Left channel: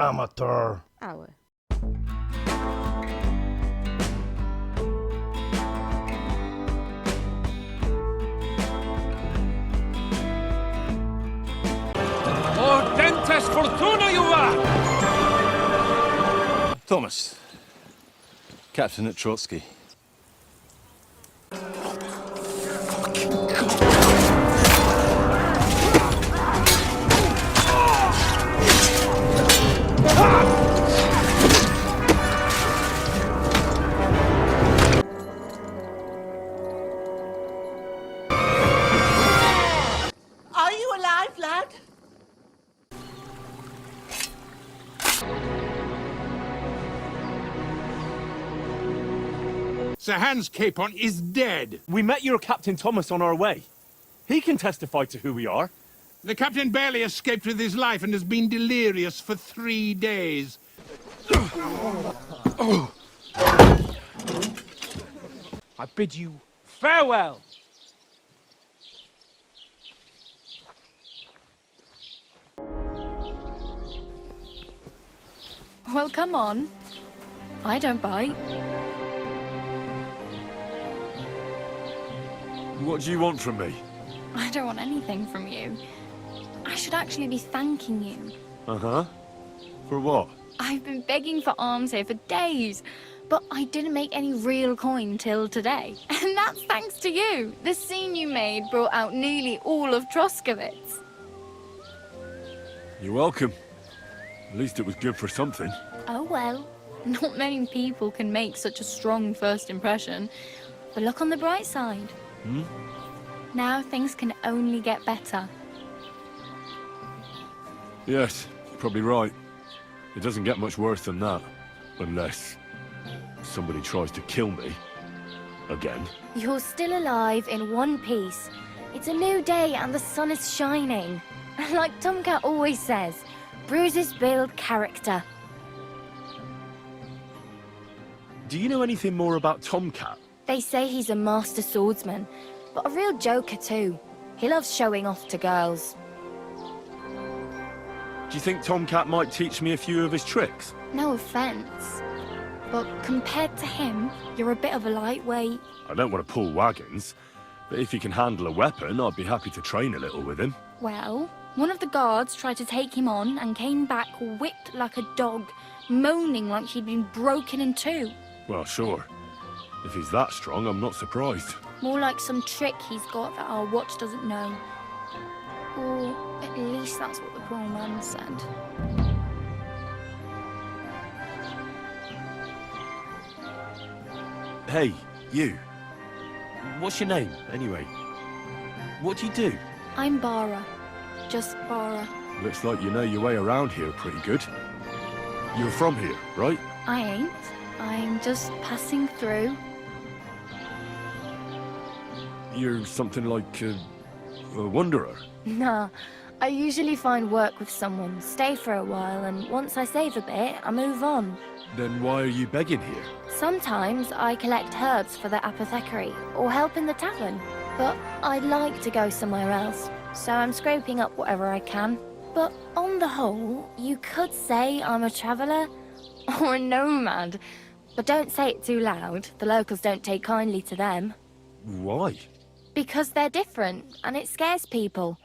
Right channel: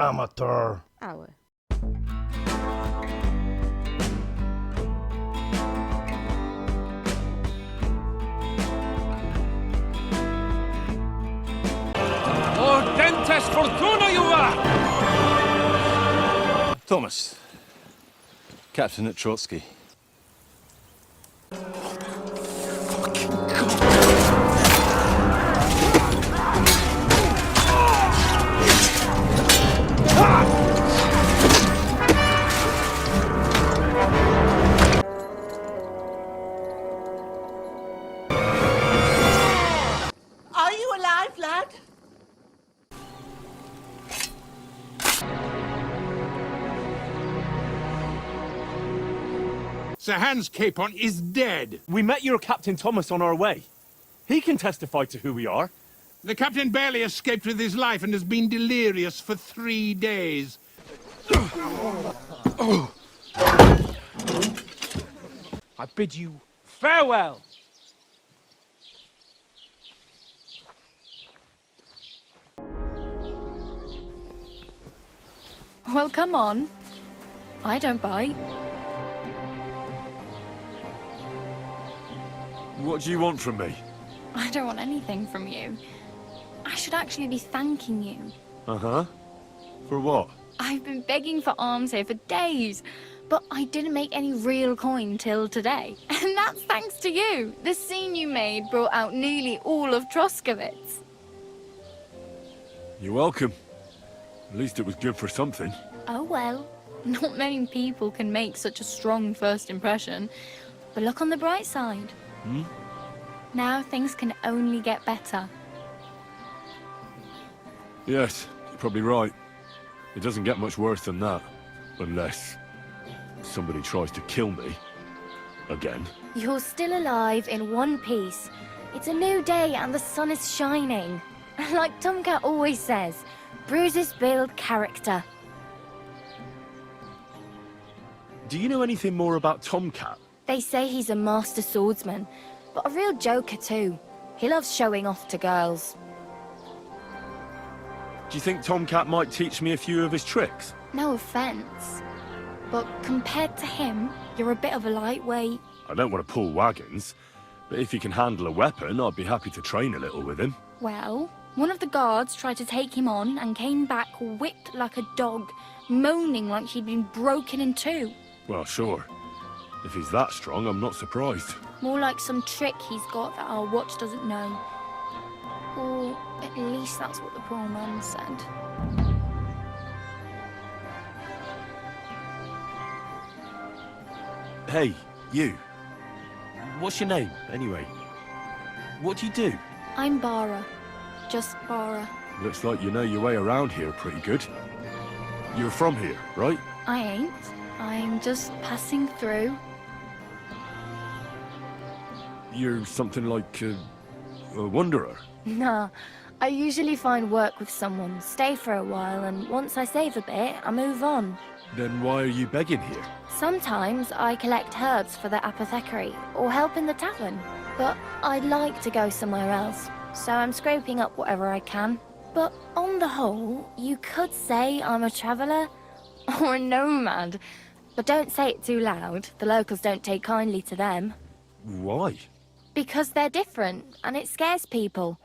Amateur. Hour. Ordentes fortuna juva! Thomas, captain at Trotsky. Are you alive, lad? Sir Hans Capon is dead. We met your Captain Thomas on our way. He can testify to who we are. The captain barely escaped with his life and has been delirious for 3 days. I bid you farewell. Well, come on. I don't bite. What do you want from me? I don't want anything from you. I should actually be thanking you. Uh-huh. For what? I've been begging for alms here for days, but I didn't make any real coin till today. And that's thanks to you. The scene you made brought out nearly all of Troskowitz. You're welcome. At least it was good for something. Oh well, not many people can make such a strong first impression. But look on the bright side. Hmm? Now things can only get better. Yes, you're probably right. It doesn't get much worse than that. Unless somebody tries to kill me. Again. You're still alive in one piece. It's a new day and the sun is shining. Like Tomcat always says, bruises build character. Do you know anything more about Tomcat? They say he's a master swordsman, but a real joker too. He loves showing off to girls. Do you think Tomcat might teach me a few of his tricks? No offense, but compared to him, you're a bit of a lightweight. I don't want to pull wagons, but if he can handle a weapon, I'd be happy to train a little with him. Well, one of the guards tried to take him on and came back whipped like a dog, moaning like he'd been broken in two. Well, sure. If he's that strong, I'm not surprised. More like some trick he's got that our watch doesn't know. Or at least that's what the poor man said. Hey, you. What's your name, anyway? What do you do? I'm Bara. Just Bara. Looks like you know your way around here pretty good. You're from here, right? I ain't. I'm just passing through. You're something like a wanderer. Nah, I usually find work with someone, stay for a while, and once I save a bit, I move on. Then why are you begging here? Sometimes I collect herbs for the apothecary, or help in the tavern. But I'd like to go somewhere else, so I'm scraping up whatever I can. But on the whole, you could say I'm a traveller, or a nomad. But don't say it too loud, the locals don't take kindly to them. Why? Because they're different, and it scares people.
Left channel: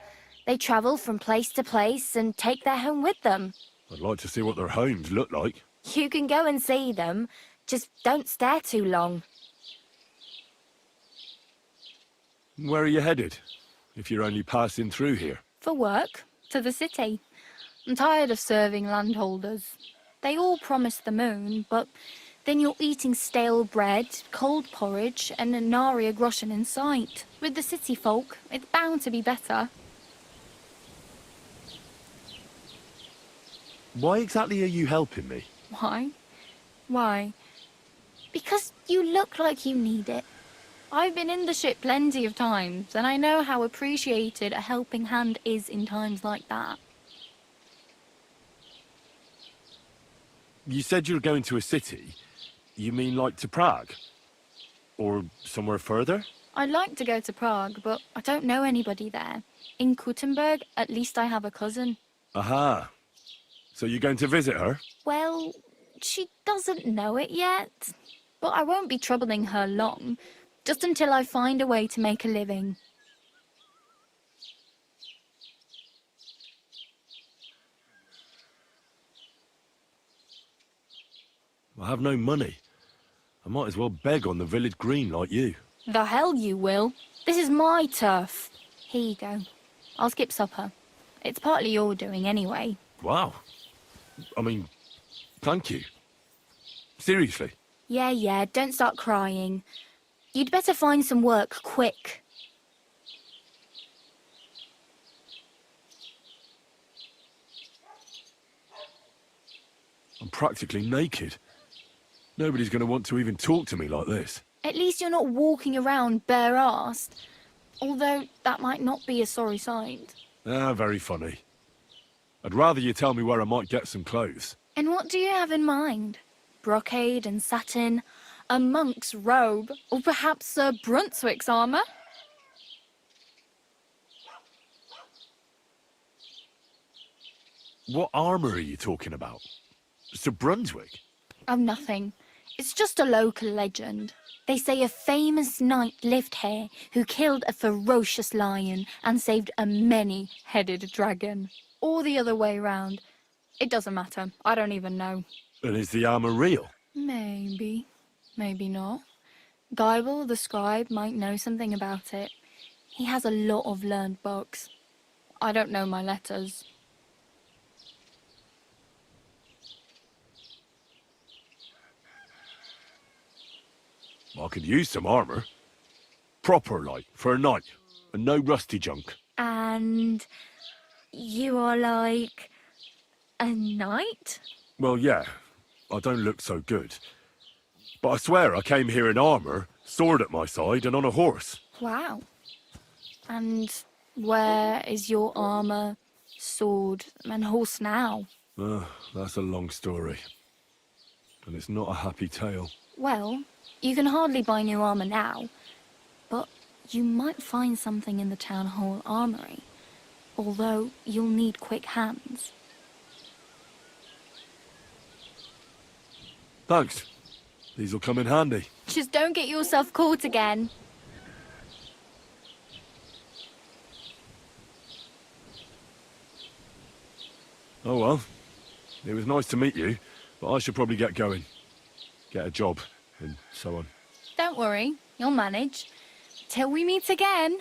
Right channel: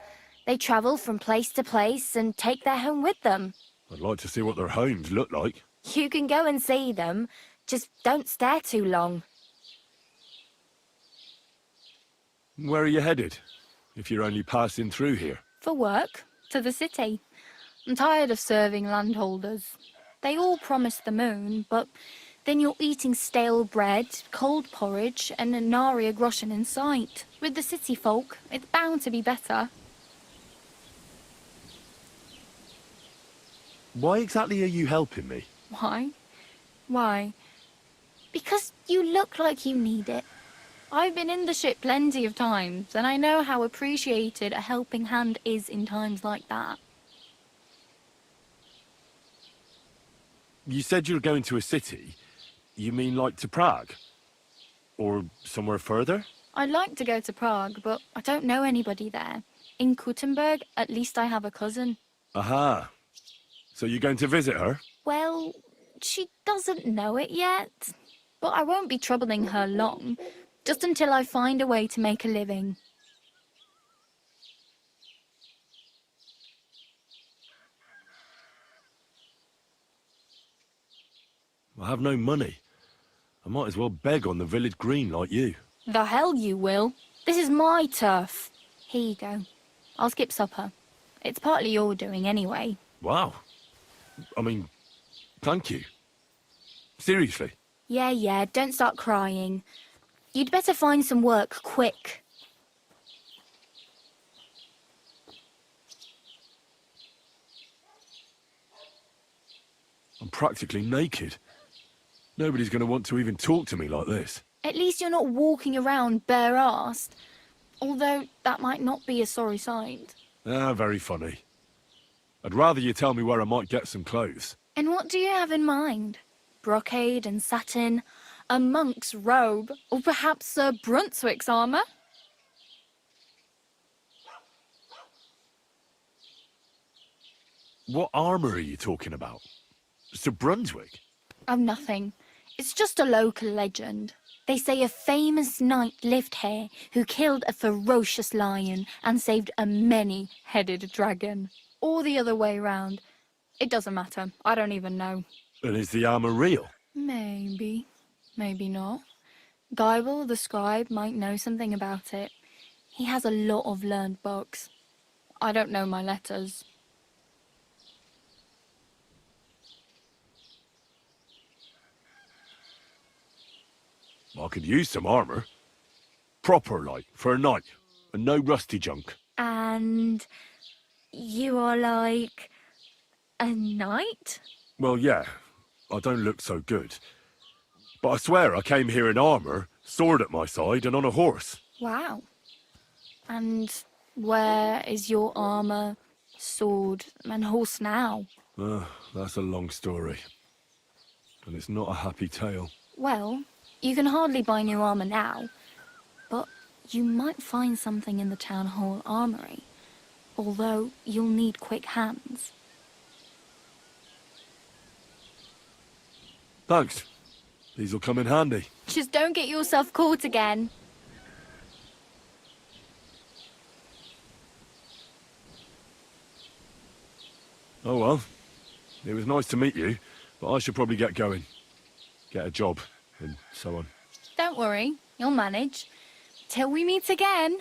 They travel from place to place and take their home with them. I'd like to see what their homes look like. You can go and see them, just don't stare too long. Where are you headed, if you're only passing through here? For work, to the city. I'm tired of serving landholders. They all promise the moon, but then you're eating stale bread, cold porridge, and a nary a groschen in sight. With the city folk, it's bound to be better. Why exactly are you helping me? Why? Why? Because you look like you need it. I've been in the ship plenty of times, and I know how appreciated a helping hand is in times like that. You said you're going to a city. You mean like to Prague? Or somewhere further? I'd like to go to Prague, but I don't know anybody there. In Kuttenberg, at least I have a cousin. Aha. So you're going to visit her? Well, she doesn't know it yet. But I won't be troubling her long, just until I find a way to make a living. I have no money. I might as well beg on the village green like you. The hell you will. This is my turf. Here you go. I'll skip supper. It's partly your doing anyway. Wow. I mean, thank you. Seriously. Yeah, don't start crying. You'd better find some work quick. I'm practically naked. Nobody's going to want to even talk to me like this. At least you're not walking around bare-assed. Although that might not be a sorry sight. Ah, very funny. I'd rather you tell me where I might get some clothes. And what do you have in mind? Brocade and satin, a monk's robe, or perhaps Sir Brunswick's armour? What armour are you talking about? Sir Brunswick? Oh, nothing. It's just a local legend. They say a famous knight lived here who killed a ferocious lion and saved a many-headed dragon. Or the other way round. It doesn't matter. I don't even know. And is the armour real? Maybe. Maybe not. Geibel, the scribe, might know something about it. He has a lot of learned books. I don't know my letters. I could use some armour. Proper, like, for a knight. And no rusty junk. And you are like a knight? Well, yeah. I don't look so good. But I swear I came here in armour, sword at my side, and on a horse. Wow. And where is your armour, sword, and horse now? That's a long story. And it's not a happy tale. Well, you can hardly buy new armour now, but you might find something in the town hall armoury, although you'll need quick hands. Thanks. These'll come in handy. Just don't get yourself caught again. Oh well. It was nice to meet you, but I should probably get going. Get a job, and so on. Don't worry, you'll manage. Till we meet again.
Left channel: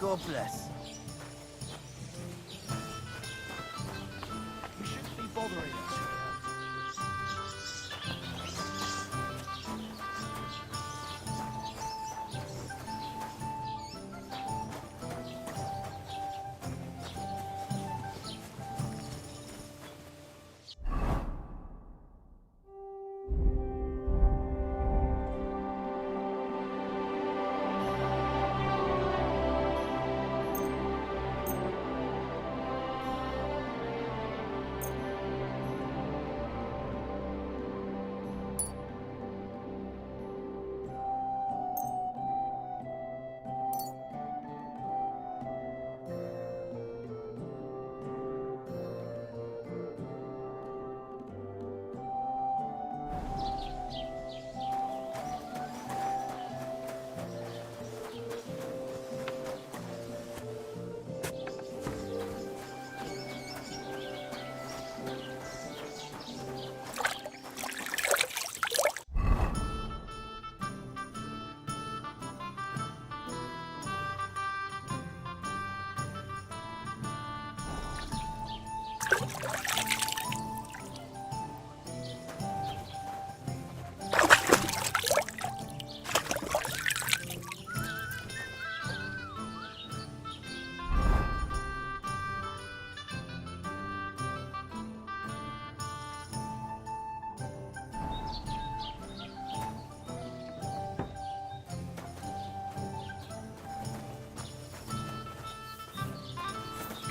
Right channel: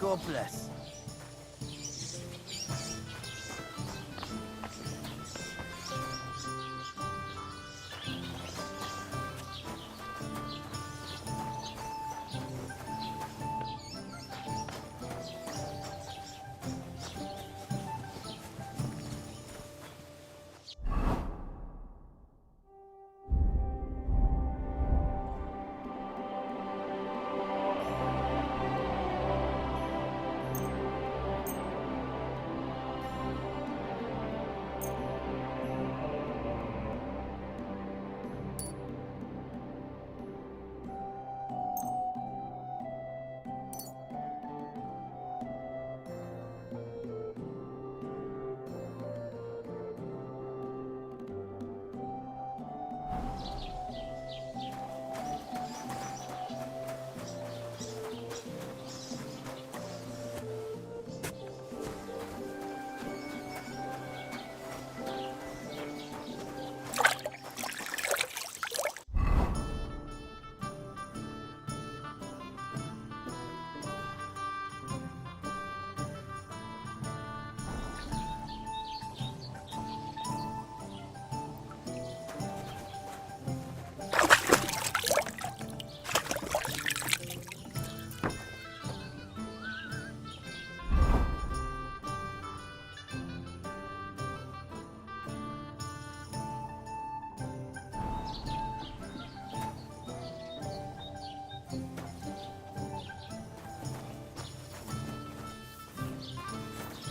God bless.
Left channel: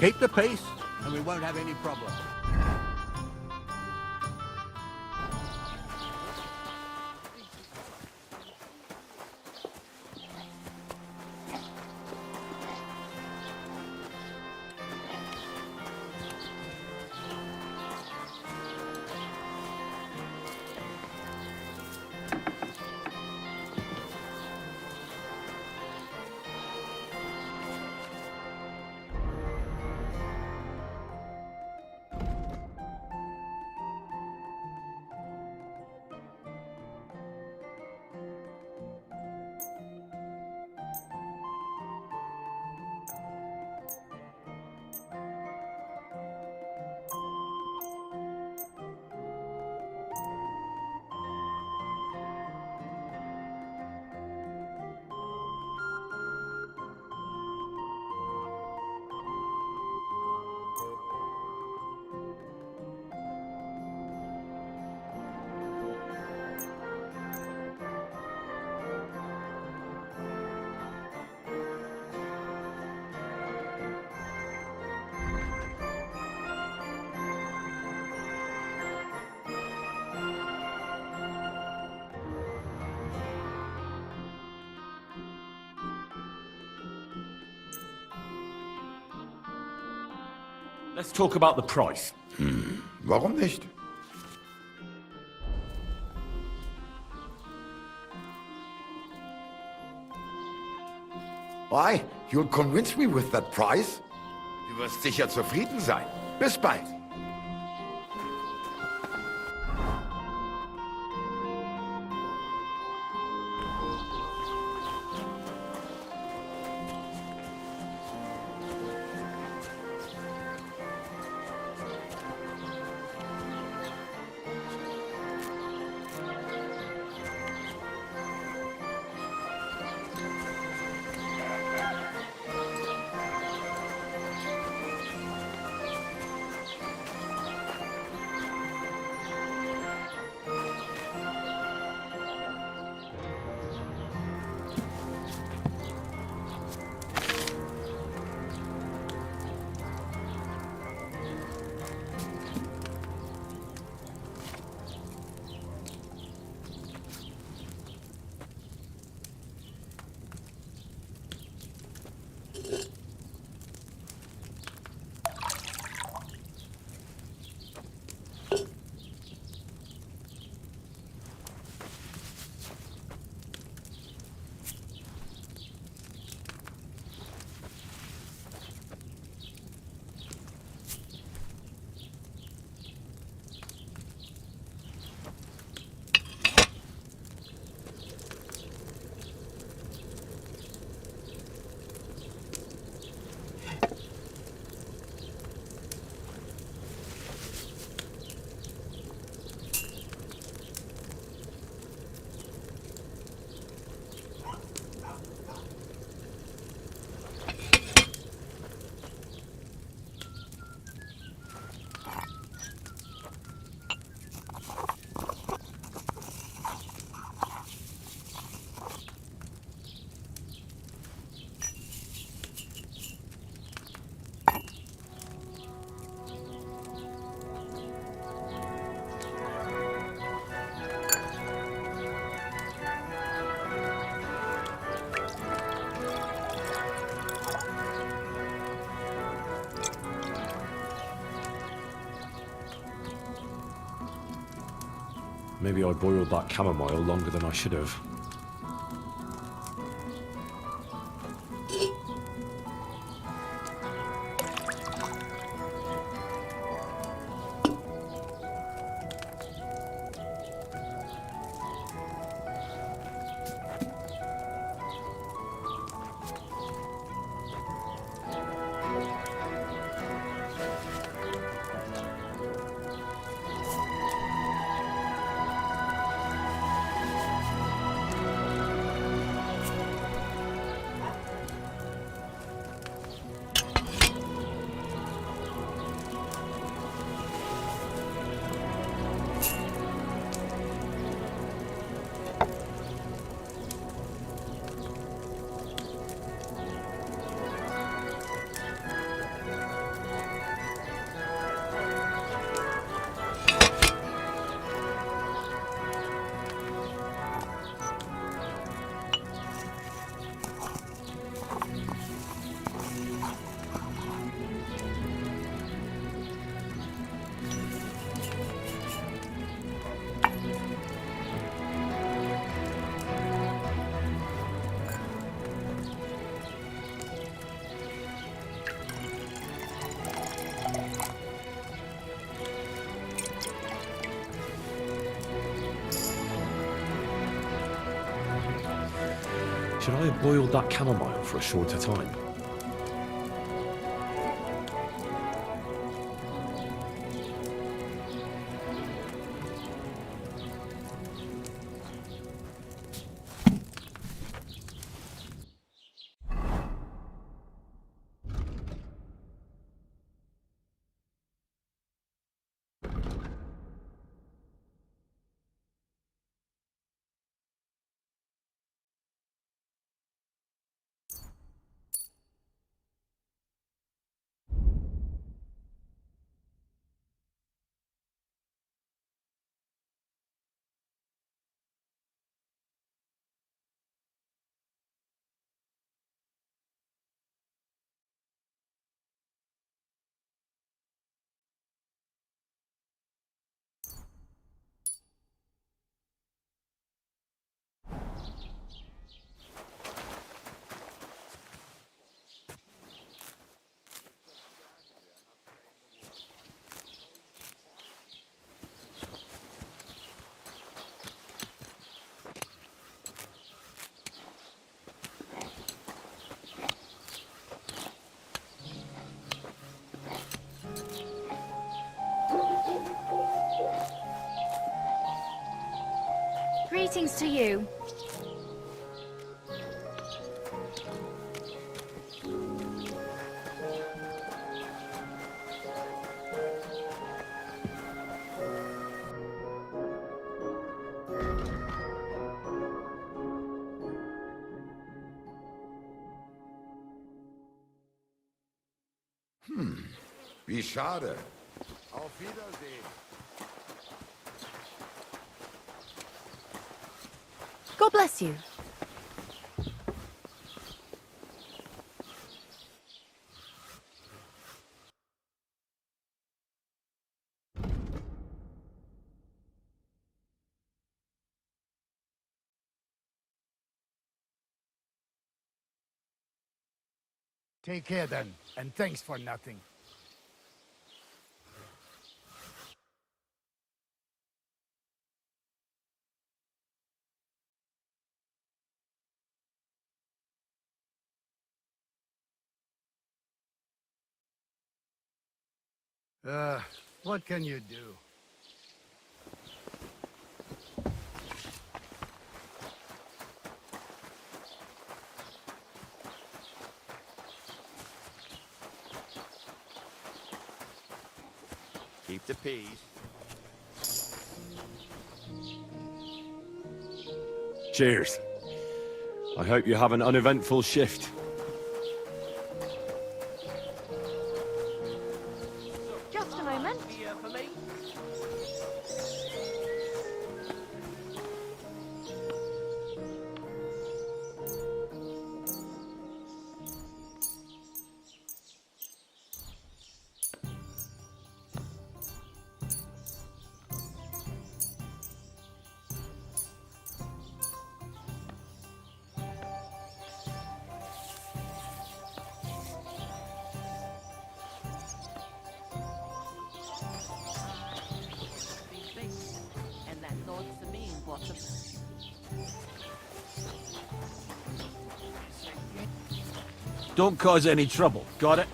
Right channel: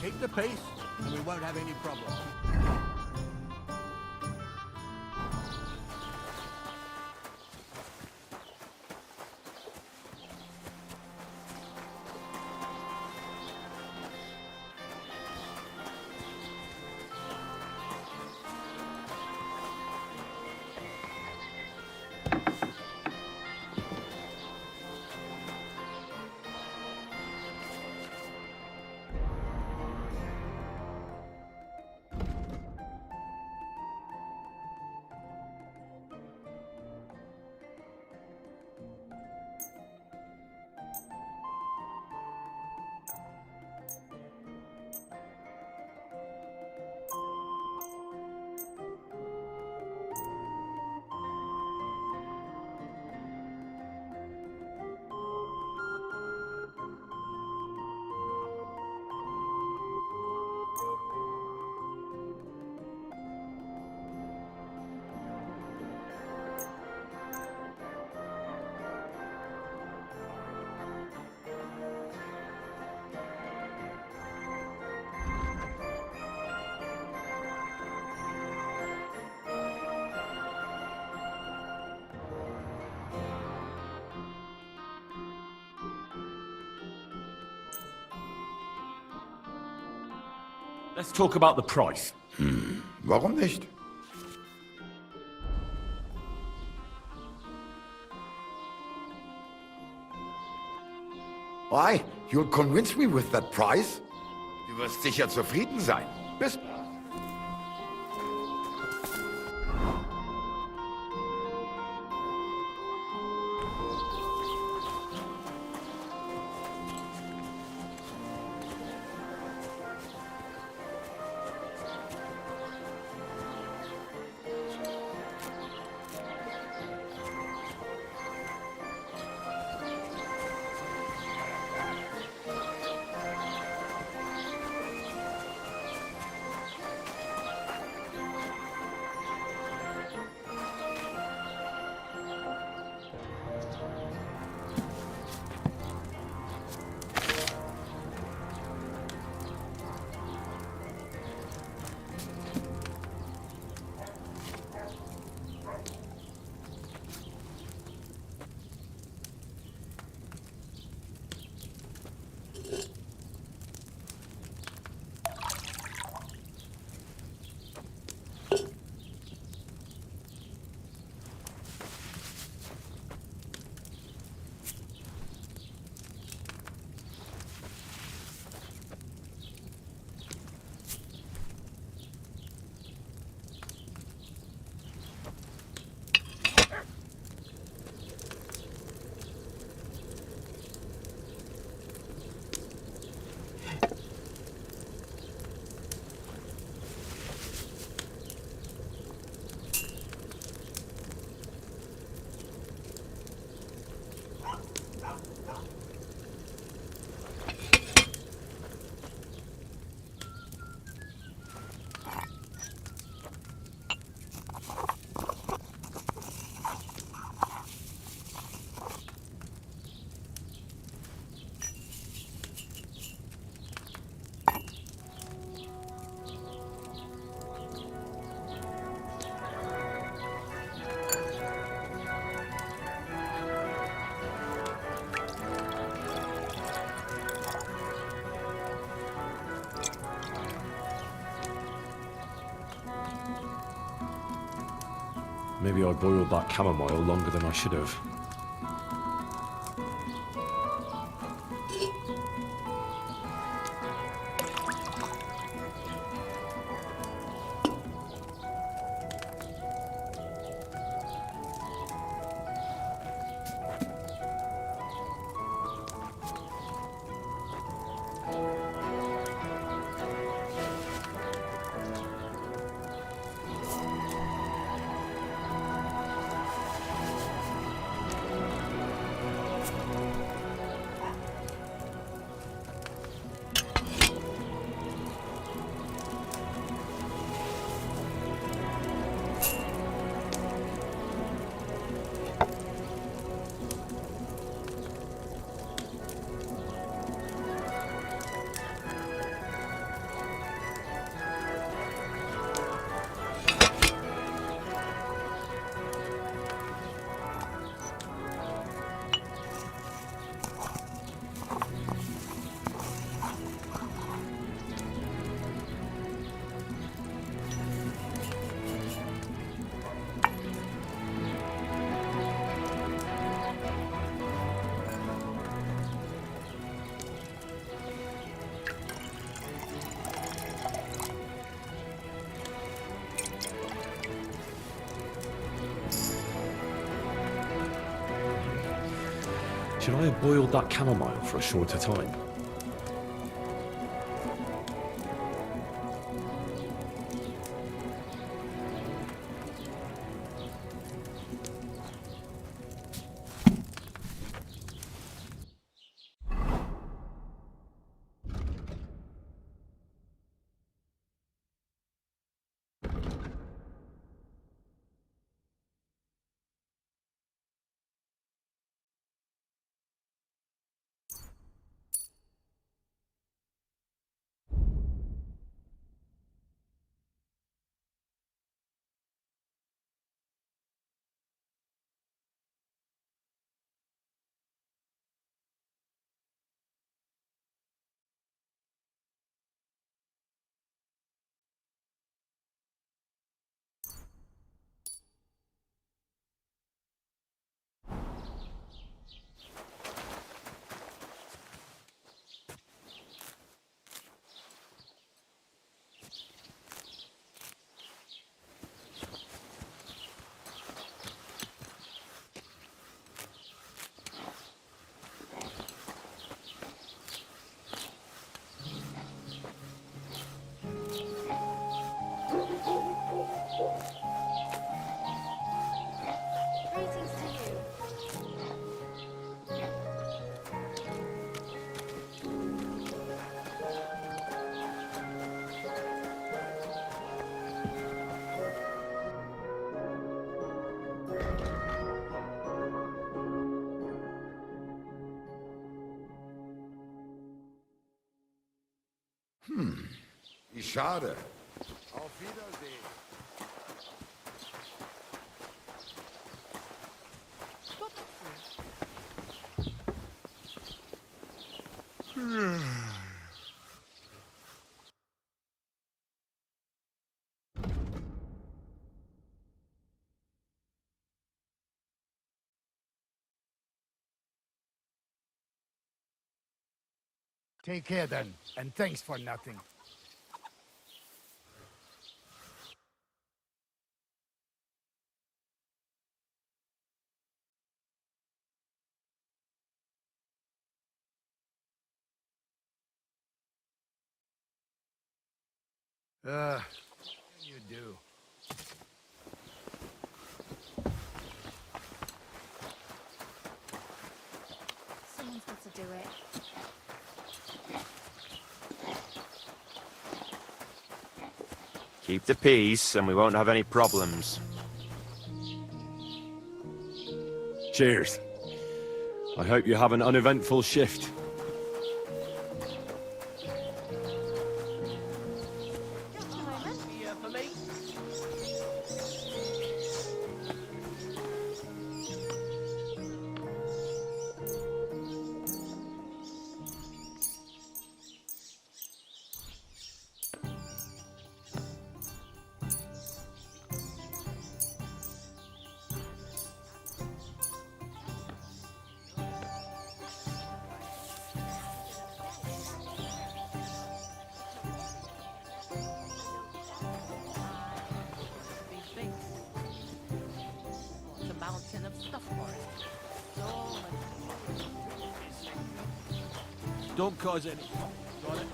Keep the peace, and we won't have any problem. Let's talk about the price. Warum nicht? Why? You'll convince me with that price? Du wirst sicher zufrieden sein. Bis bald. Maybe I boiled that chamomile longer than I should have. Should I have boiled that chamomile for a shorter time? Greetings to you. Wie schade. Auf Wiedersehen. God bless you. Take care then, and thanks for nothing. What can you do? Keep the peace, and we won't have any problems. Cheers. I hope you have an uneventful shift. Just a moment. Here for me. Don't cause any trouble, got it?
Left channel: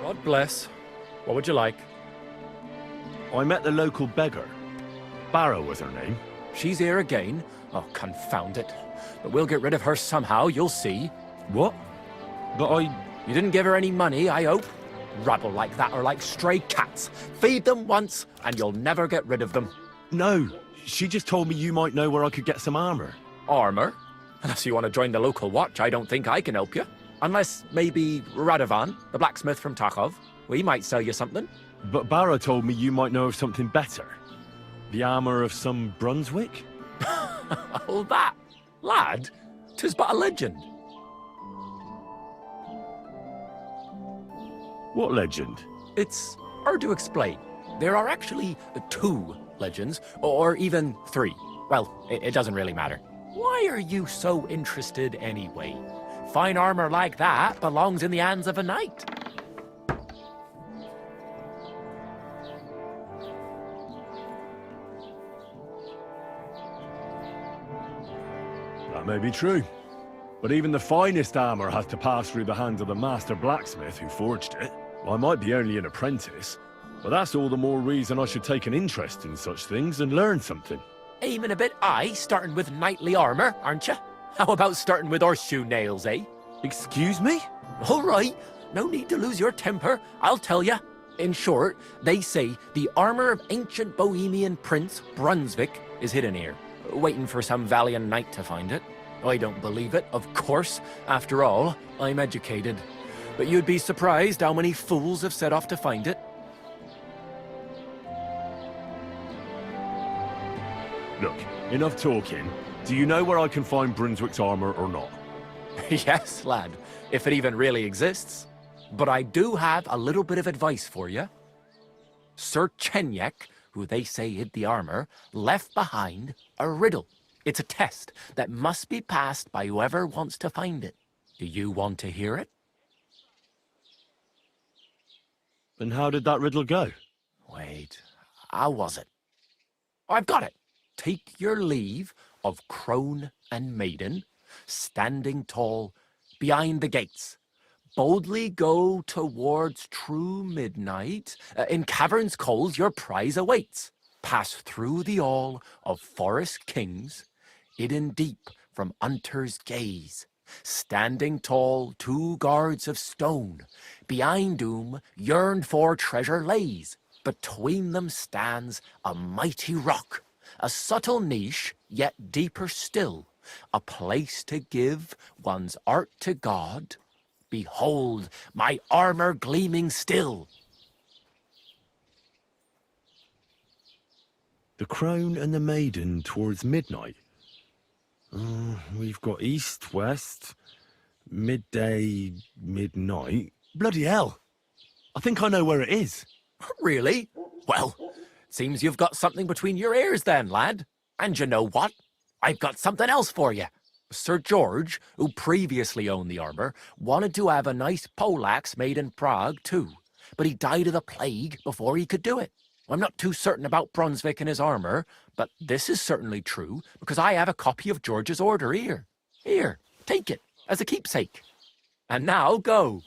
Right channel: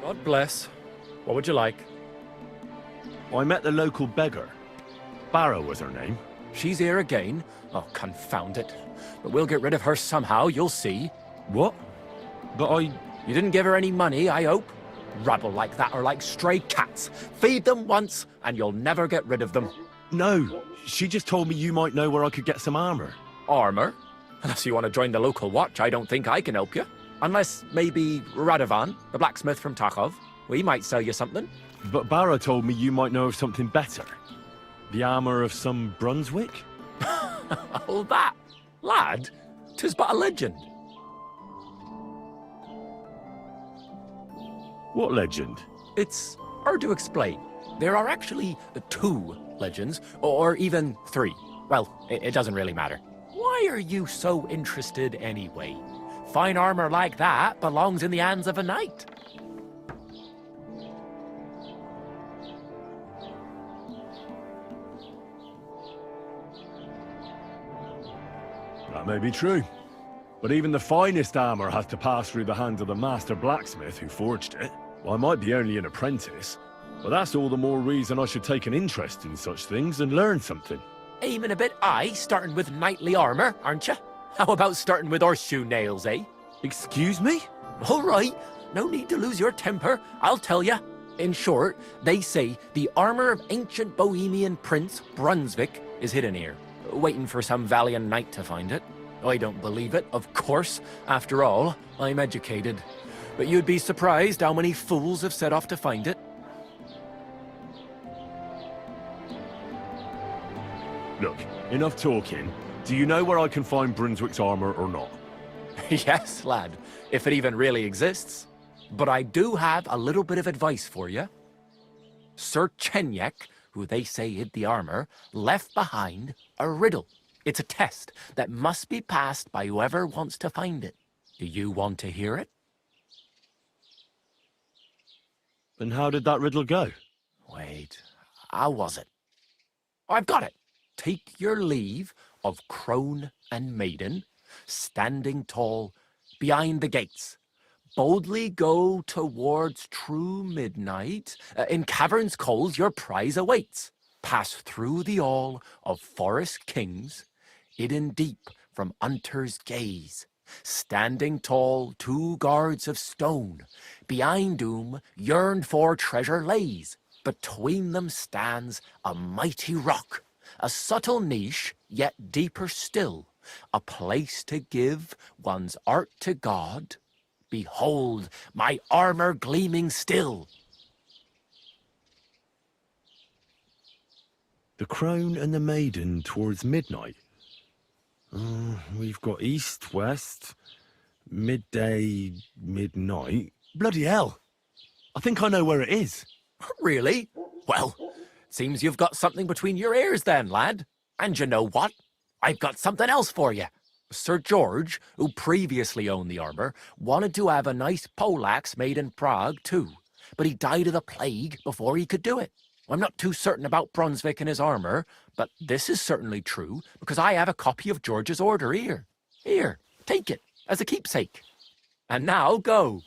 God bless. What would you like? I met the local beggar. Barrow was her name. She's here again? Oh, confound it. But we'll get rid of her somehow, you'll see. What? But I... You didn't give her any money, I hope? Rabble like that are like stray cats. Feed them once, and you'll never get rid of them. No, she just told me you might know where I could get some armor. Armor? Unless you want to join the local watch, I don't think I can help you. Unless maybe Radovan, the blacksmith from Takov. We might sell you something. But Barrow told me you might know of something better. The armor of some Brunswick? All that? Lad, 'tis but a legend. What legend? It's hard to explain. There are actually 2 legends, or even 3. Well, it doesn't really matter. Why Why are you so interested anyway? Fine armor like that belongs in the hands of a knight. That may be true. But even the finest armor has to pass through the hands of the master blacksmith who forged it. I might be only an apprentice, but that's all the more reason I should take an interest in such things and learn something. Aiming a bit high, starting with knightly armor, aren't you? How about starting with horseshoe nails, eh? Excuse me? All right, no need to lose your temper, I'll tell you. In short, they say the armor of ancient Bohemian Prince Brunswick is hidden here, waiting for some valiant knight to find it. I don't believe it, of course. After all, I'm educated. But you'd be surprised how many fools have set off to find it. Look, enough talking. Do you know where I can find Brunswick's armor or not? Yes, lad, if it even really exists. But I do have a little bit of advice for you. Sir Chenyek, who they say hid the armor, left behind a riddle. It's a test that must be passed by whoever wants to find it. Do you want to hear it? And how did that riddle go? Wait, how was it? I've got it. Take your leave of crone and maiden, standing tall behind the gates. Boldly go towards true midnight. In caverns cold your prize awaits. Pass through the hall of forest kings, hidden deep from hunter's gaze. Standing tall, 2 guards of stone. Behind whom yearned for treasure lays. Between them stands a mighty rock. A subtle niche, yet deeper still. A place to give one's art to God. Behold, my armor gleaming still. The crone and the maiden towards midnight. We've got east, west, midday, midnight. Bloody hell. I think I know where it is. Really? Well, seems you've got something between your ears then, lad. And you know what? I've got something else for you. Sir George, who previously owned the armor, wanted to have a nice poleaxe made in Prague too, but he died of the plague before he could do it. I'm not too certain about Brunswick and his armor, but this is certainly true because I have a copy of George's order here. Here, take it as a keepsake. And now go.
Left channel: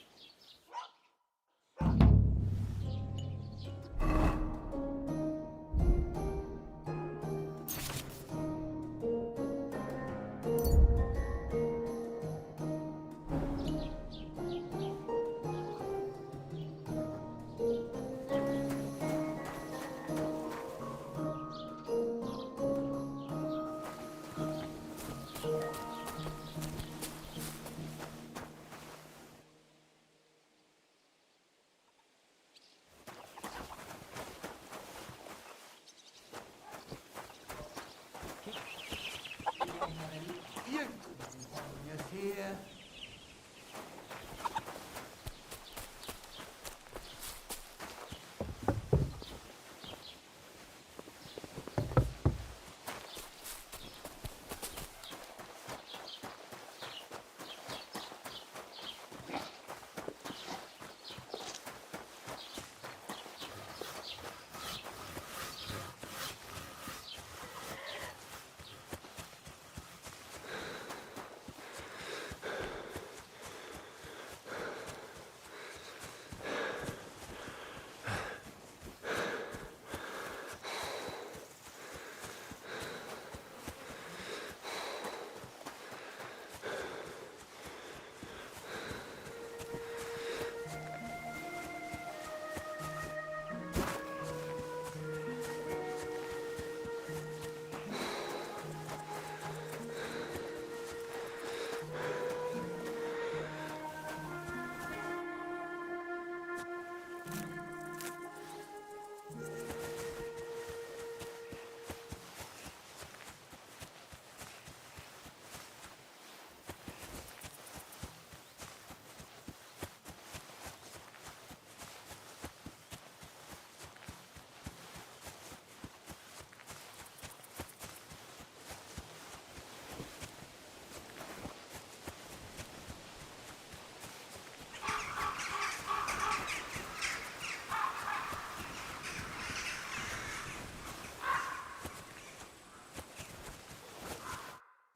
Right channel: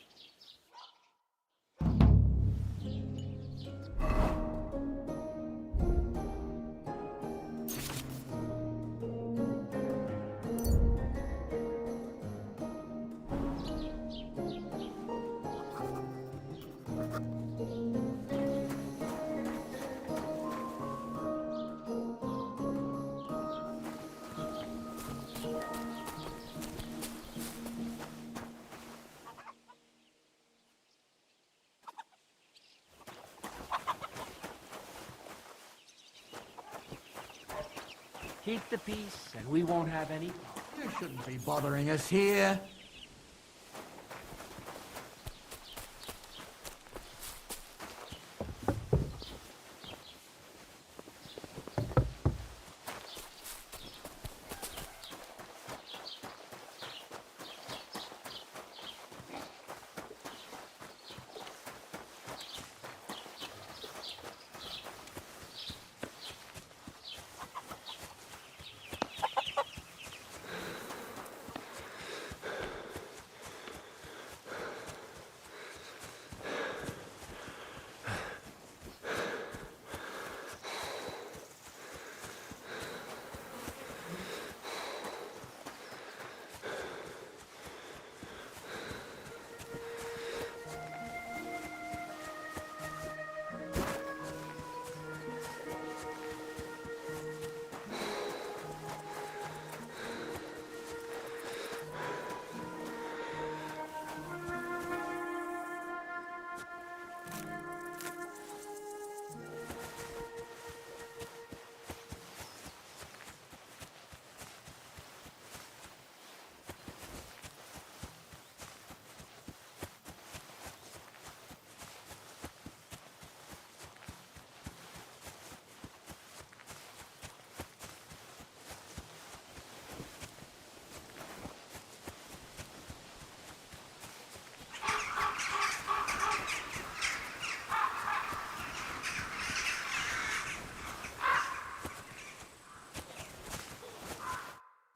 Keep the peace, and we won't have any. You shouldn't be bothering us here.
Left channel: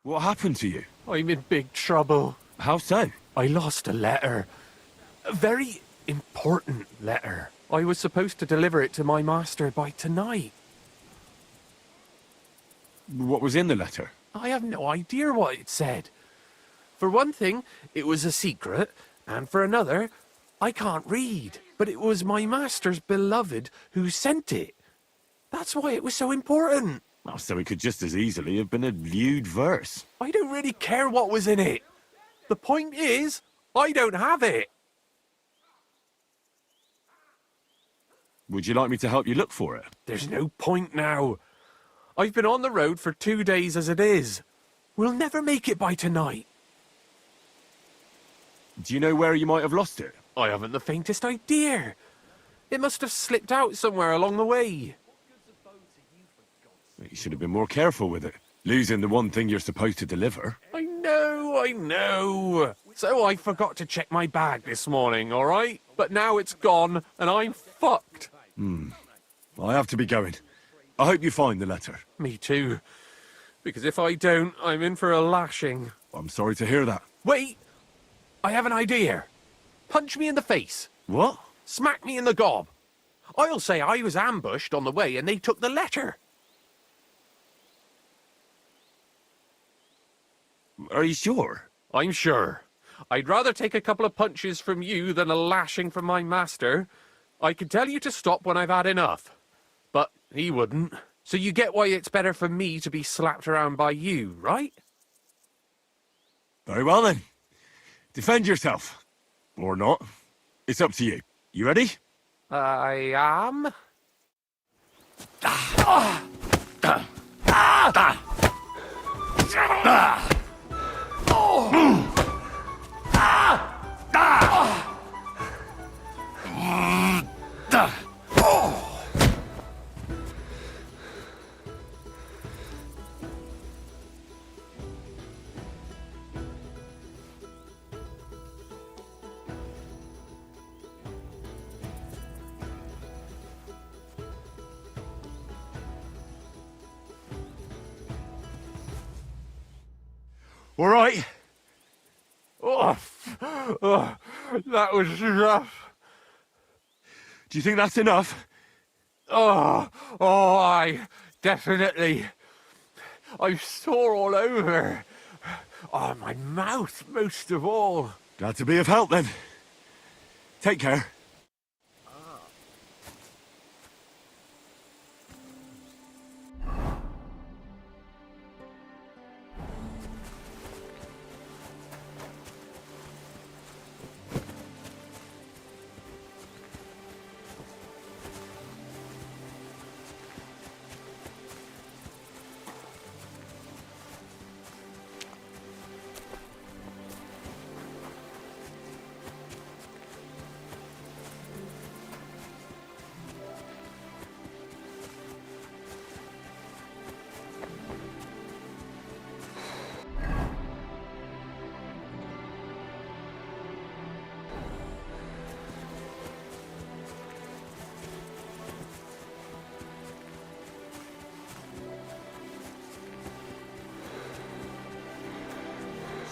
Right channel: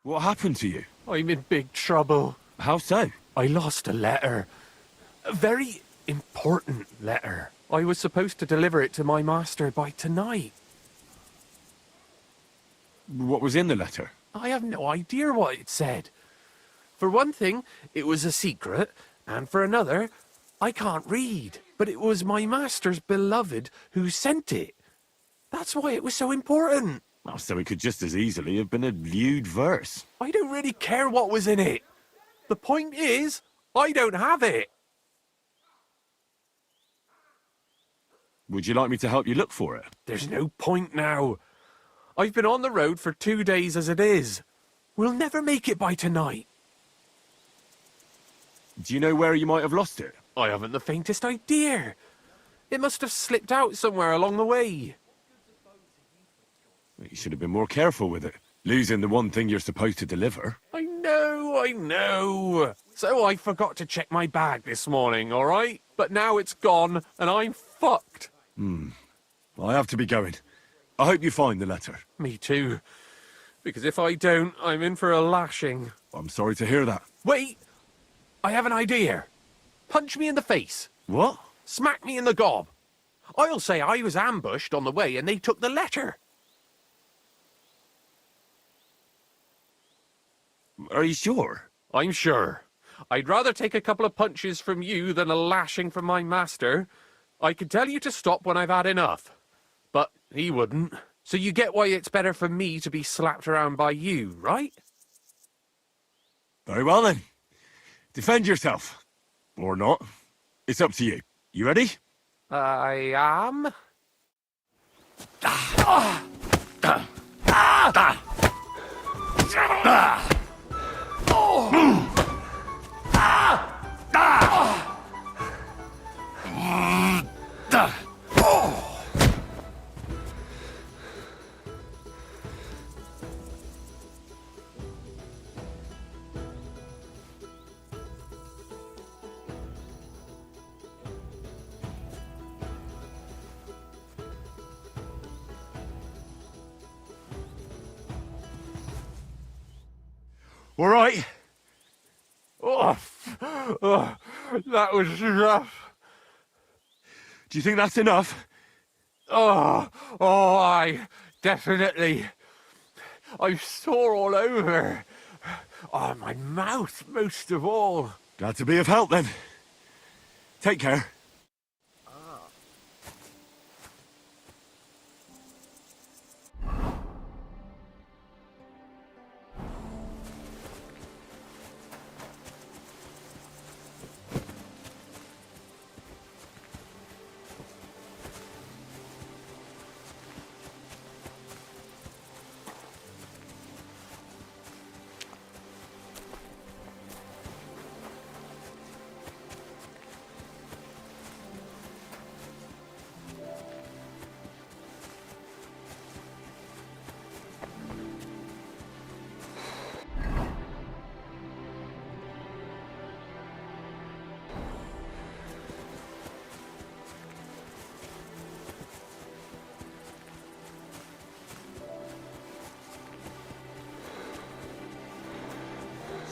What happened to you? I'm in big trouble. How so? I lost a letter. A very important letter. I was supposed to deliver it to my master by tonight. What was in the letter? I have no idea what it said. For one thing, it was a secret, and for another, I can't read. But it was my master's beloved who sent it. That's why it was so important. Well, so it could just as easily have been a lewd verse. I don't really care what was in it. The point is, I don't have it. Would you like me to help you look for it? There's no point now. I've been on the road for 2 days as it is. We'll never make it by tonight. Do you know where you might have lost it? I haven't the faintest idea. It must have slipped out somewhere along the way. You should have been more careful with it. Losing the one thing you're supposed to deliver. I know. So I forgot to check my bag this morning, all right? But now it's gone, and I'm fucked. I have to be going. I hope you find the letter. Me too. Because if I don't, I'm in for a lashing. I'm sorry to hear that. Wait! I have an idea. Punch me in the face. What? Smack me in the gob. I'll say I was ambushed on the way and they took the letter. Are you sure? I'm sure. I'd rather take a couple of punches from you than a lashing from my master. I could tell you to stop when I've had enough. But he wouldn't. So you get why it's better for me to be slapped around by you, right? Very well then. Defend yourself. Or not. It's up to you. You ready? I am. All right. That was rough. Do you think that's enough? I definitely. I'm sore all over. Oh, my mouth most of all. Glad to be of help then. Take care.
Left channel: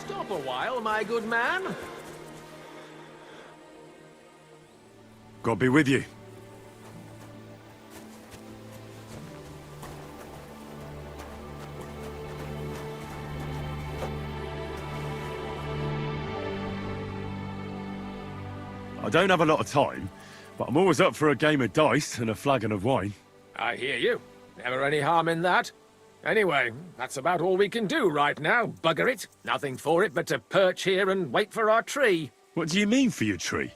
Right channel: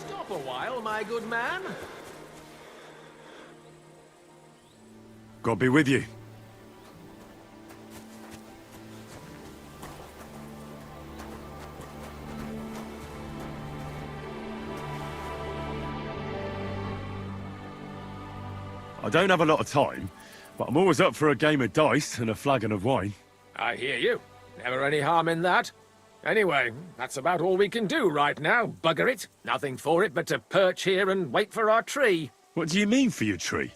Stop a while, my good man. God be with you. I don't have a lot of time, but I'm always up for a game of dice and a flagon of wine. I hear you. Never any harm in that. Anyway, that's about all we can do right now, bugger it. Nothing for it but to perch here and wait for our tree. What do you mean for your tree?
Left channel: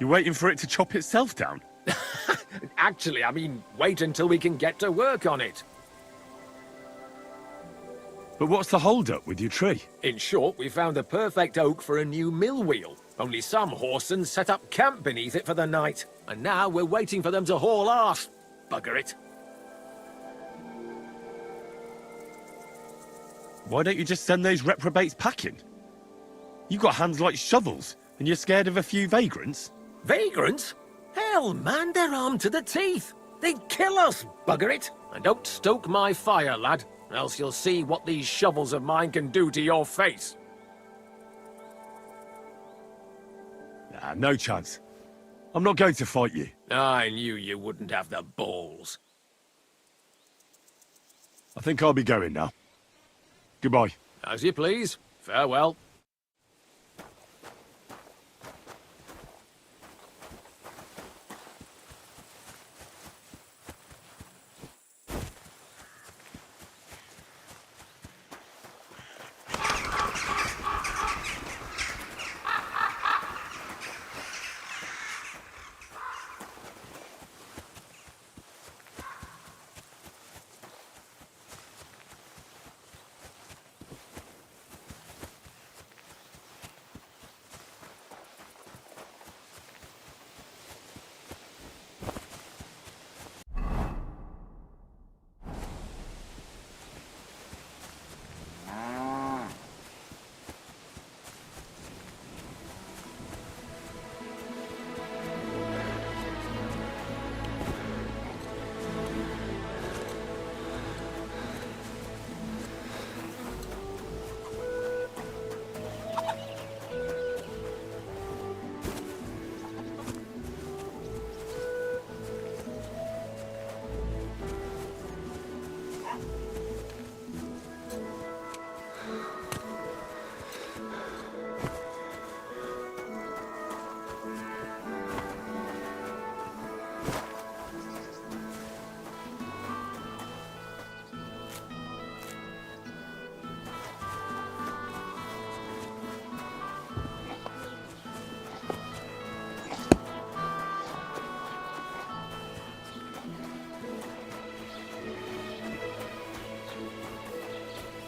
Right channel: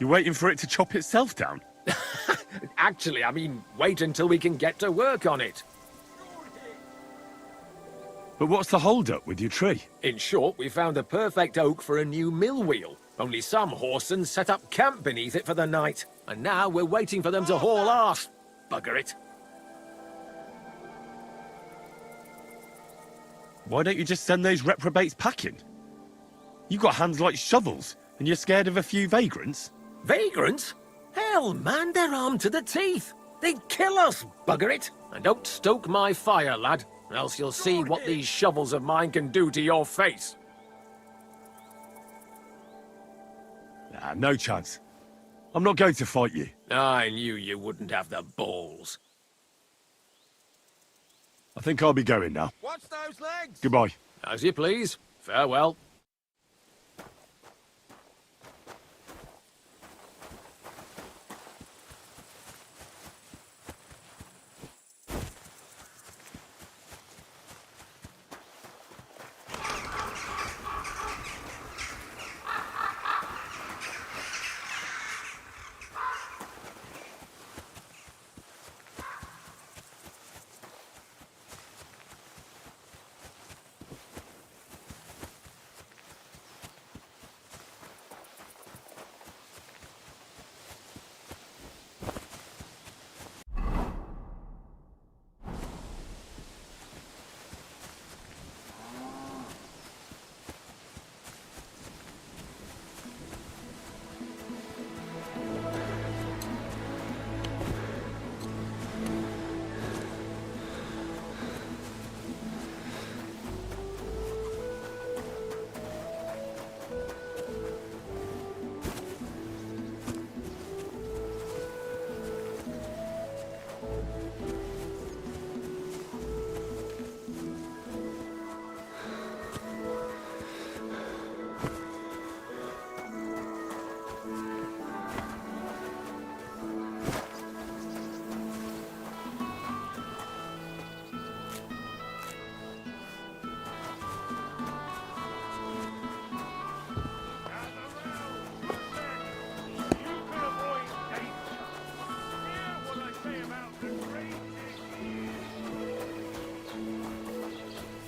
You're waiting for it to chop itself down? Actually, I mean, wait until we can get to work on it. But what's the hold-up with your tree? In short, we found the perfect oak for a new mill wheel. Only some horsens set up camp beneath it for the night. And now we're waiting for them to haul arse. Bugger it. Why don't you just send those reprobates packing? You got hands like shovels, and you're scared of a few vagrants? Vagrants? Hell, man, they're armed to the teeth. They'd kill us, bugger it. And don't stoke my fire, lad. else you'll see what these shovels of mine can do to your face. Nah, no chance. I'm not going to fight you. I knew you wouldn't have the balls. I think I'll be going now. Watch those legs! Goodbye. As you please. Farewell.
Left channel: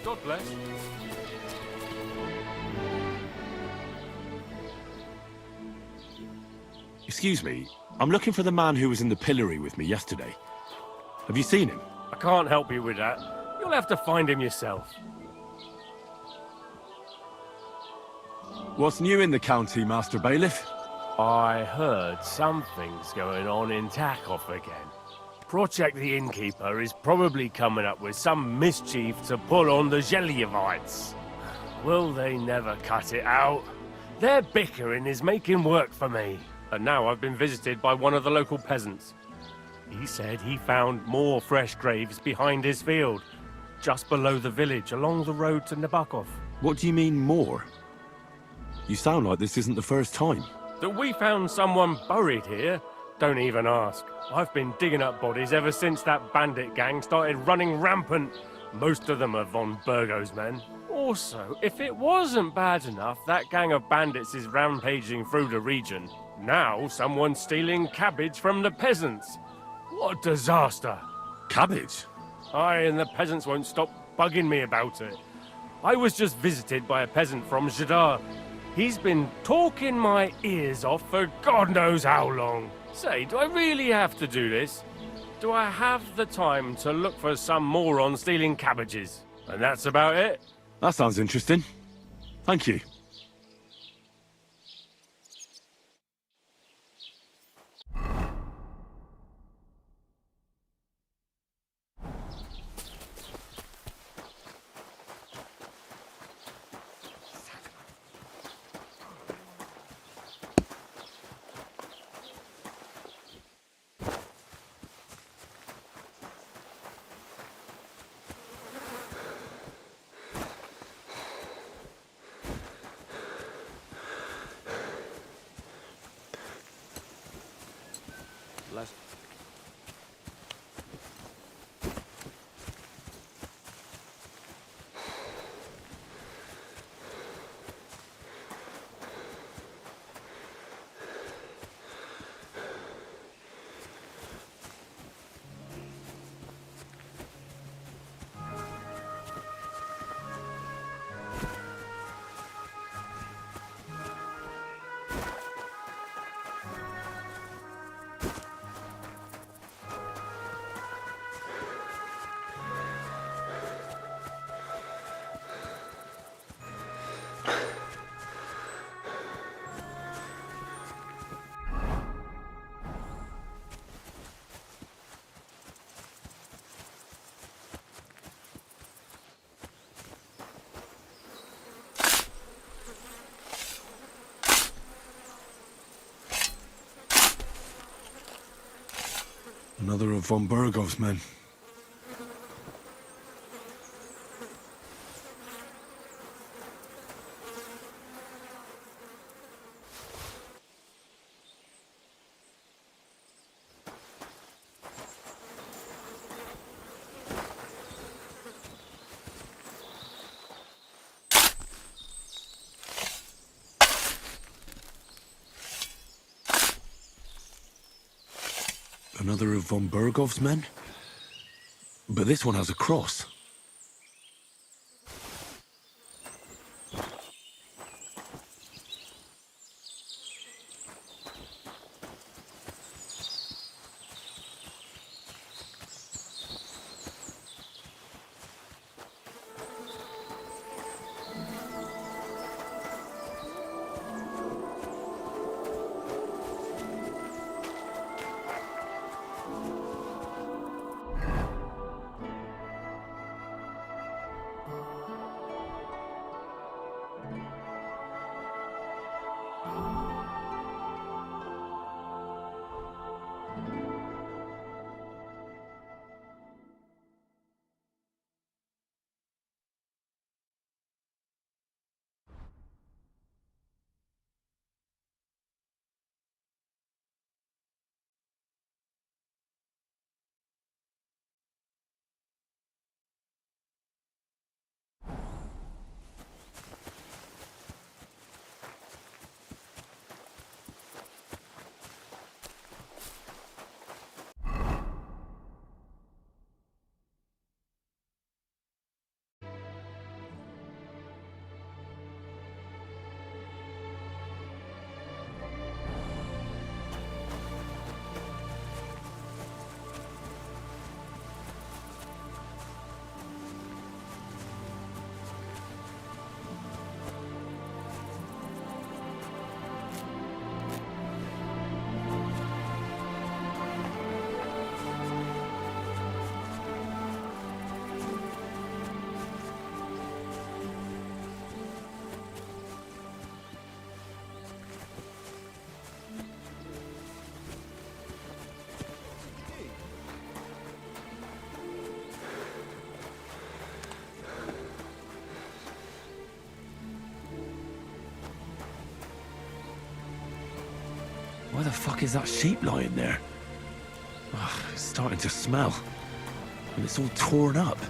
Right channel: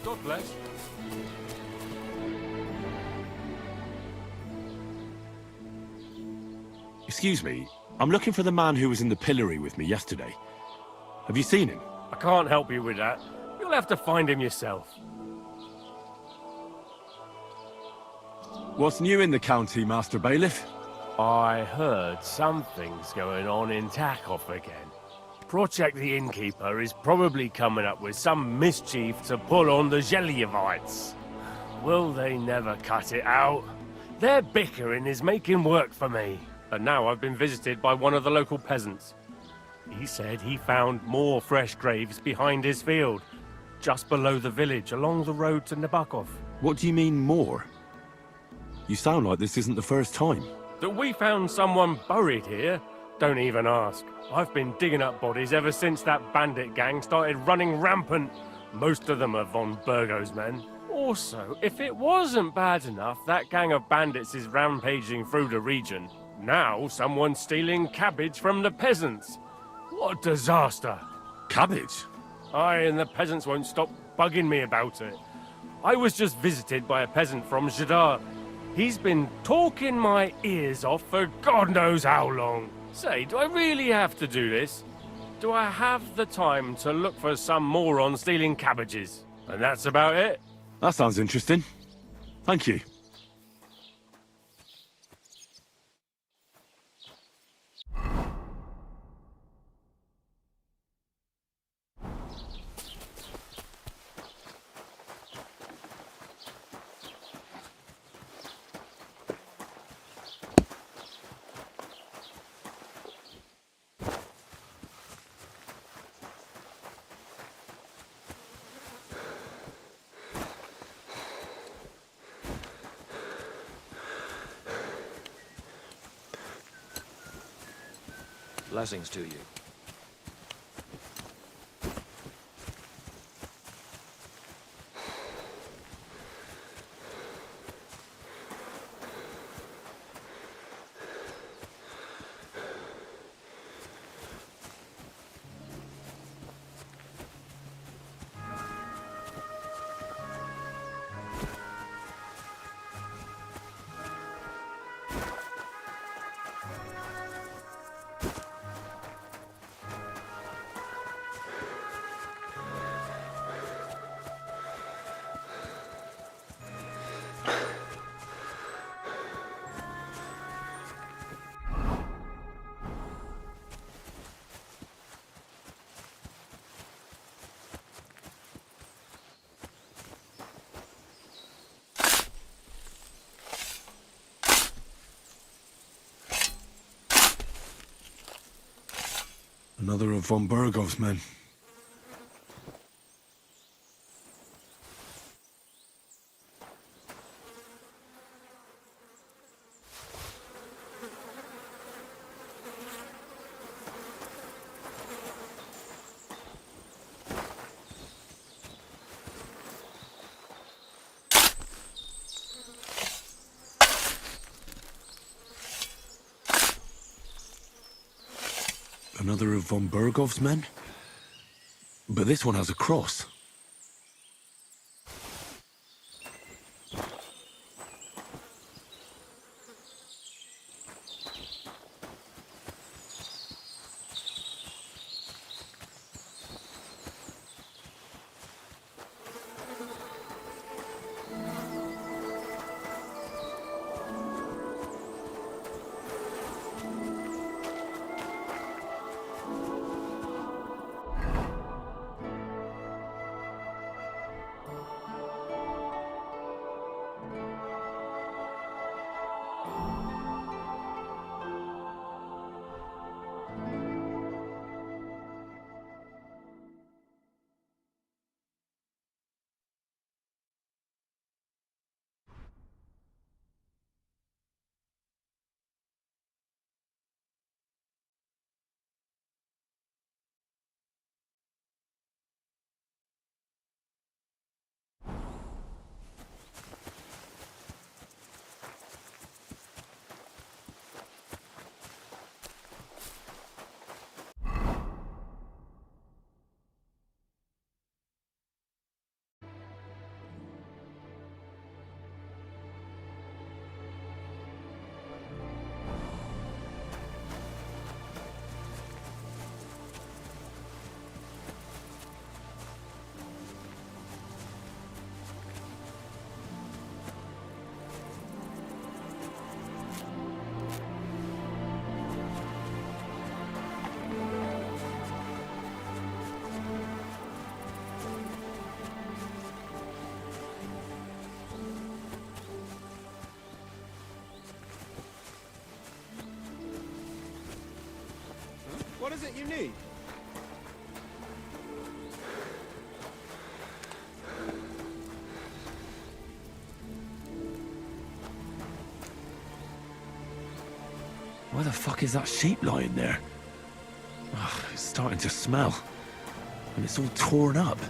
God bless. Excuse me, I'm looking for the man who was in the pillory with me yesterday. Have you seen him? I can't help you with that. You'll have to find him yourself. What's new in the county, Master Bailiff? I heard something's going on in Takeoff again. Project the Innkeeper is probably coming up with some mischief to pull on the Gelievites. Will they never cut it out? Their bickering is making work for me. And now I've been visited by one of the local peasants. He said he found more fresh graves behind his field, just below the village, along the road to Nabokov. What do you mean, more? You sound like this isn't the first time. That we found someone buried here? Don't even ask. I've been digging up bodies ever since that bandit gang started running rampant. Most of them are von Burgo's men. Also, if it wasn't bad enough, that gang of bandits is rampaging through the region. Now someone's stealing cabbage from the peasants. What a disaster. Cabbage? Aye, and the peasants won't stop bugging me about it. I was just visited by a peasant from Jadar. He's been talking my ears off for God knows how long. Say, do I really have to do this? Do I have the time to look for some moron stealing cabbages? And that's about it? That sounds interesting. Thank you. Blessings to you. Another of von Burgov's men. Another of von Burgov's men? But this one has a cross. Why the fuck is that sheep lying there? Ugh, it's starting to smell. And it's all torn up.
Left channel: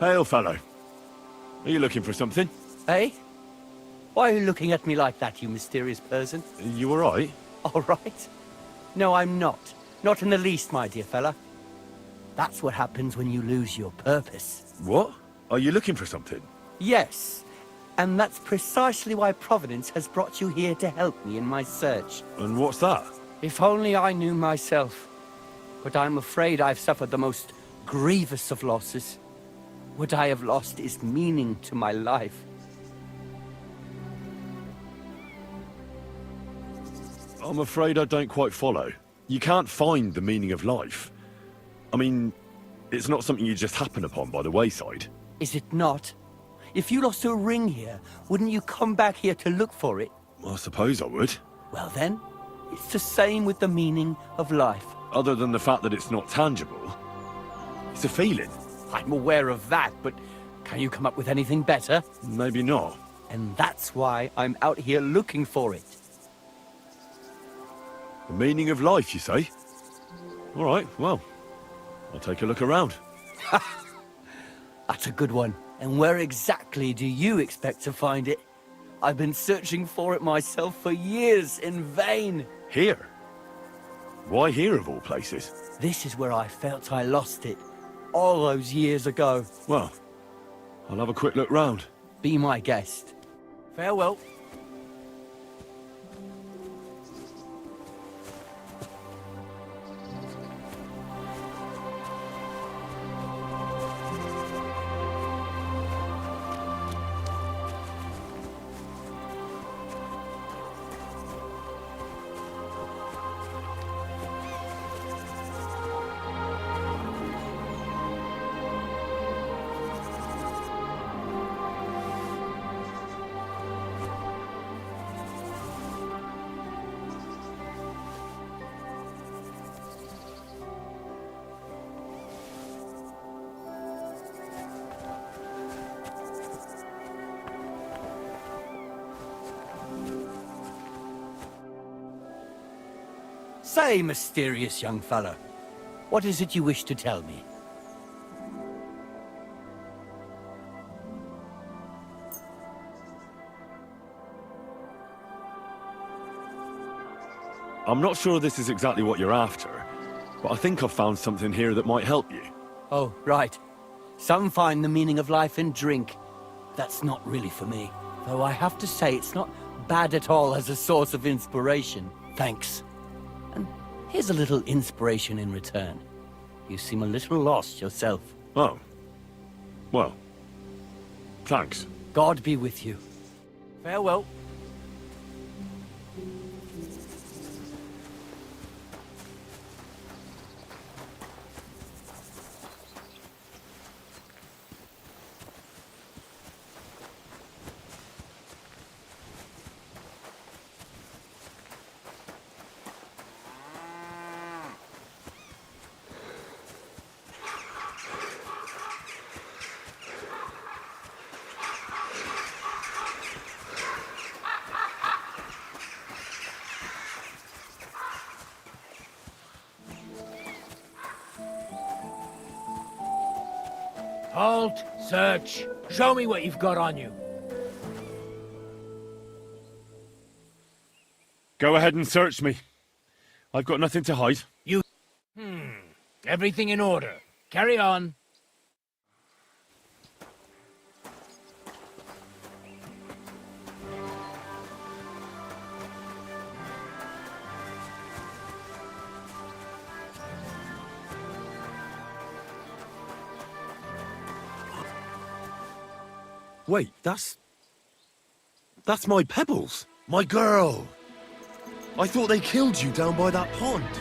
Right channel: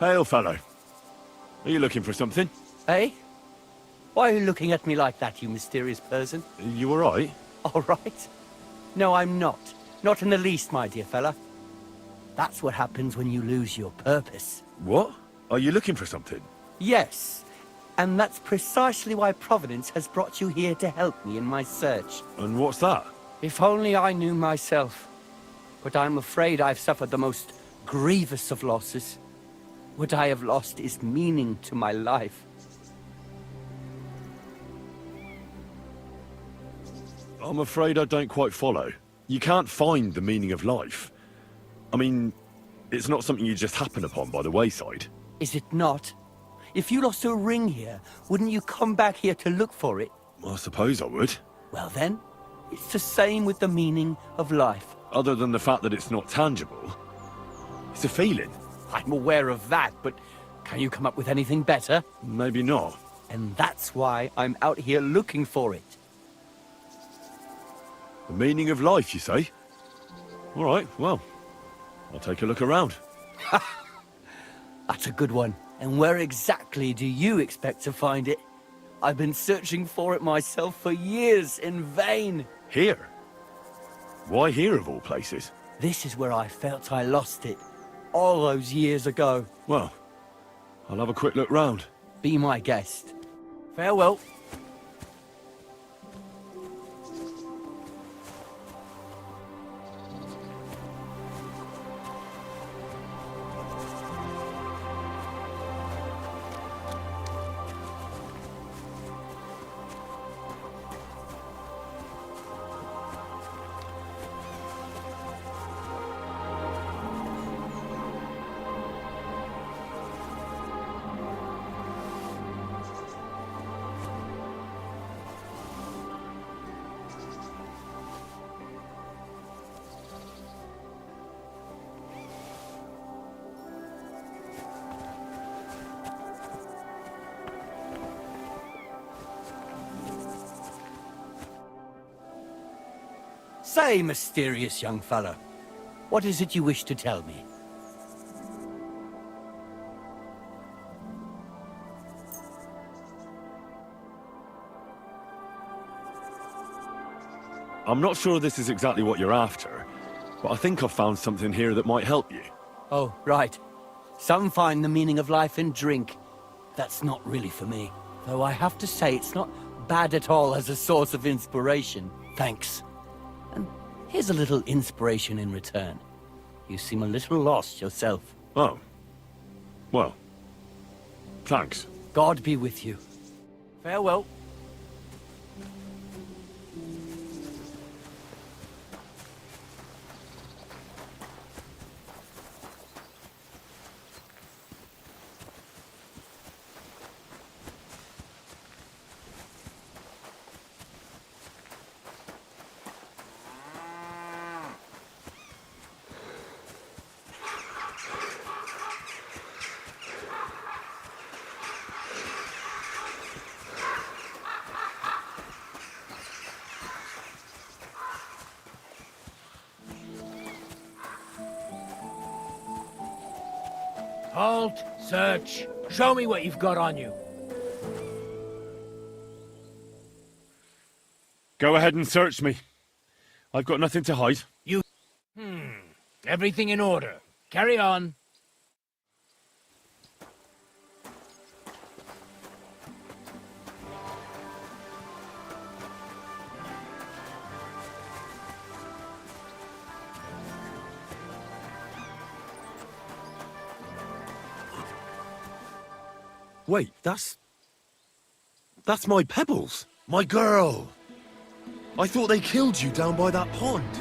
Hail, fellow. Are you looking for something? Eh? Why are you looking at me like that, you mysterious person? You alright? All right. No, I'm not. Not in the least, my dear fella. That's what happens when you lose your purpose. What? Are you looking for something? Yes. And that's precisely why Providence has brought you here to help me in my search. And what's that? If only I knew myself. But I'm afraid I've suffered the most grievous of losses. What I have lost is meaning to my life. I'm afraid I don't quite follow. You can't find the meaning of life. I mean, it's not something you just happen upon by the wayside. Is it not? If you lost a ring here, wouldn't you come back here to look for it? I suppose I would. Well then, it's the same with the meaning of life. Other than the fact that it's not tangible. It's a feeling. I'm aware of that, but can you come up with anything better? Maybe not. And that's why I'm out here looking for it. The meaning of life, you say? All right, well, I'll take a look around. That's a good one. And where exactly do you expect to find it? I've been searching for it myself for years in vain. Here? Why here, of all places? This is where I felt I lost it, all those years ago. Well, I'll have a quick look round. Be my guest. Farewell. Say, mysterious young fellow, what is it you wish to tell me? I'm not sure this is exactly what you're after, but I think I've found something here that might help you. Oh, right. Some find the meaning of life in drink. That's not really for me. Though I have to say, it's not bad at all as a source of inspiration. Thanks. And here's a little inspiration in return. You seem a little lost yourself. Oh. Well. Thanks. God be with you. Farewell. Halt! Search! Show me what you've got on you. Go ahead and search me. I've got nothing to hide. You... Everything in order. Carry on. Wait, that's my Pebbles. My girl. I thought they killed you down by that pond.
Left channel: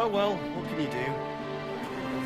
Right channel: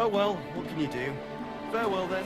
Oh well, what can you do? Farewell then.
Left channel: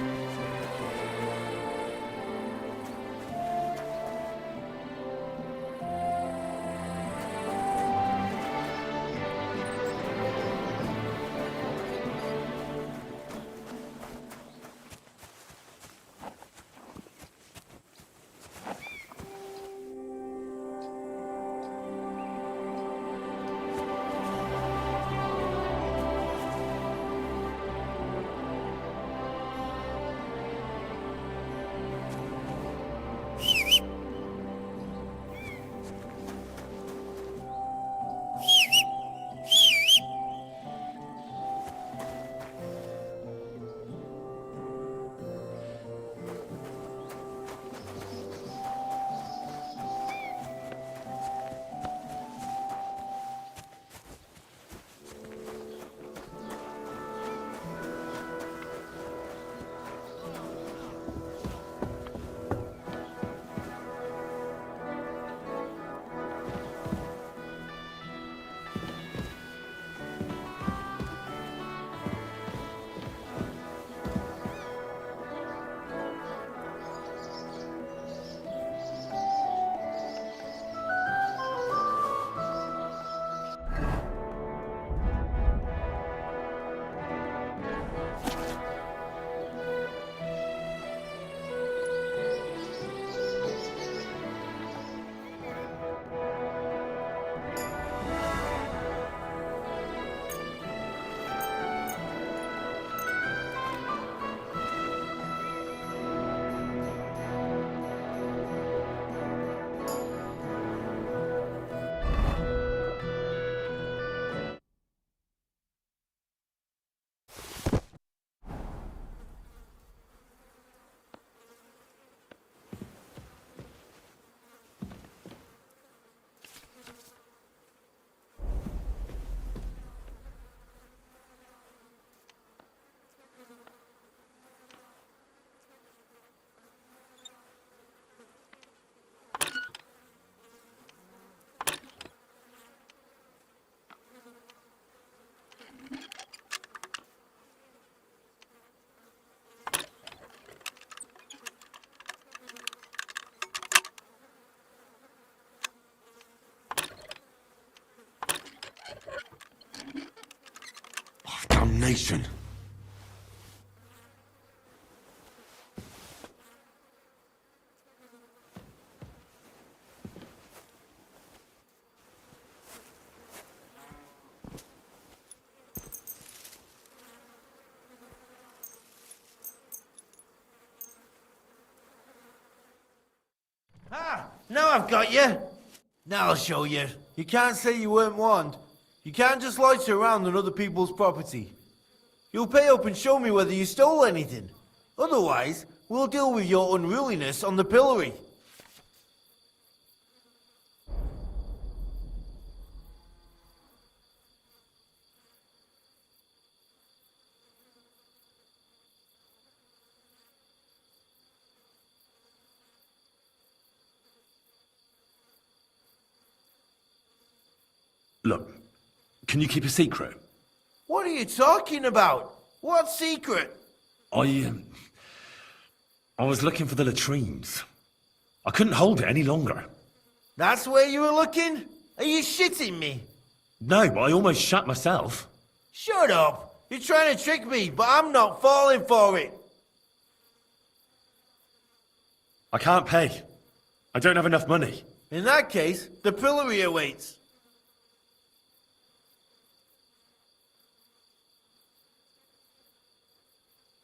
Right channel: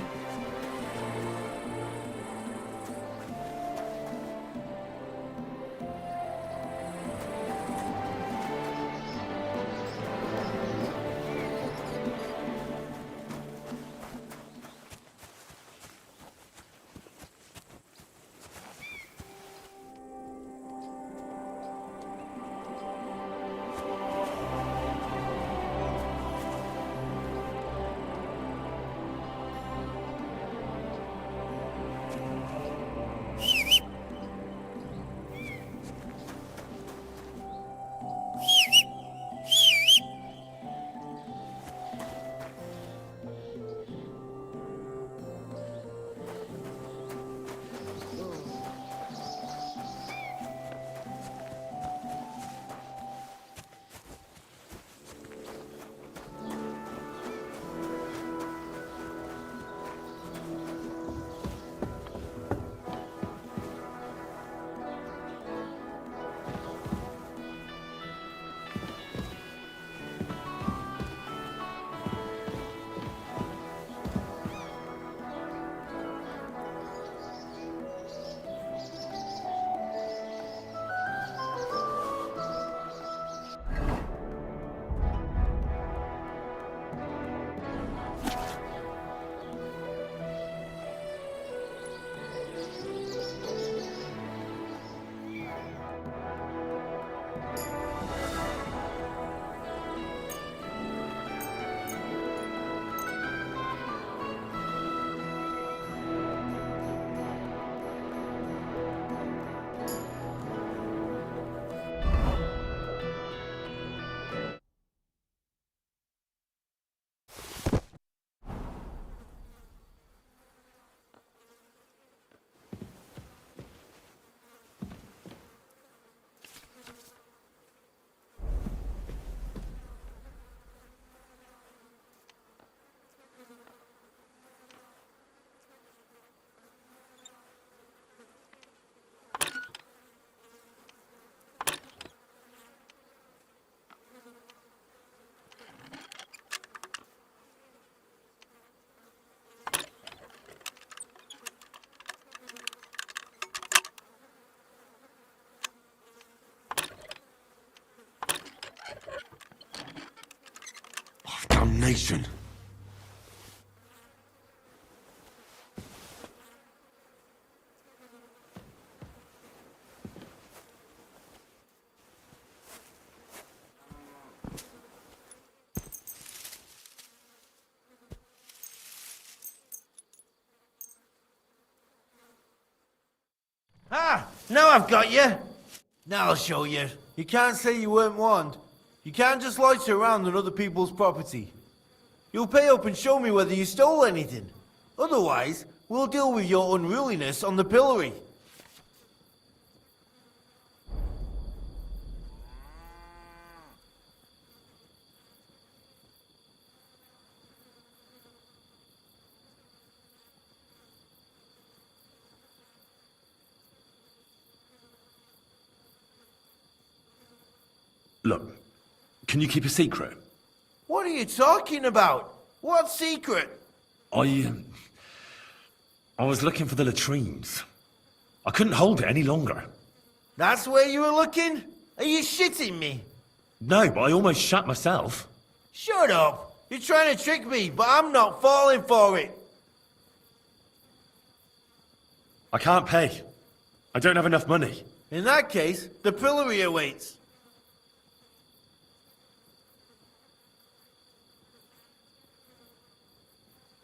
information. Ah! Now I've got you! Now I'll show you. You can't say you weren't warned. You can't just loiter around on other people's property. You'll pay up and show me whether you stole anything. Otherwise, we'll deal with your unruliness on the pillory. Look, can you keep a secret? What are you talking about? What secret? I was looking for the latrines. I couldn't hold it any longer. That's where you were looking? Are you shitting me? No, but I almost shat myself. Shut up! You're trying to trick me, but I'm not falling for it. I can't pay. I don't have enough money. In that case, the pillory awaits.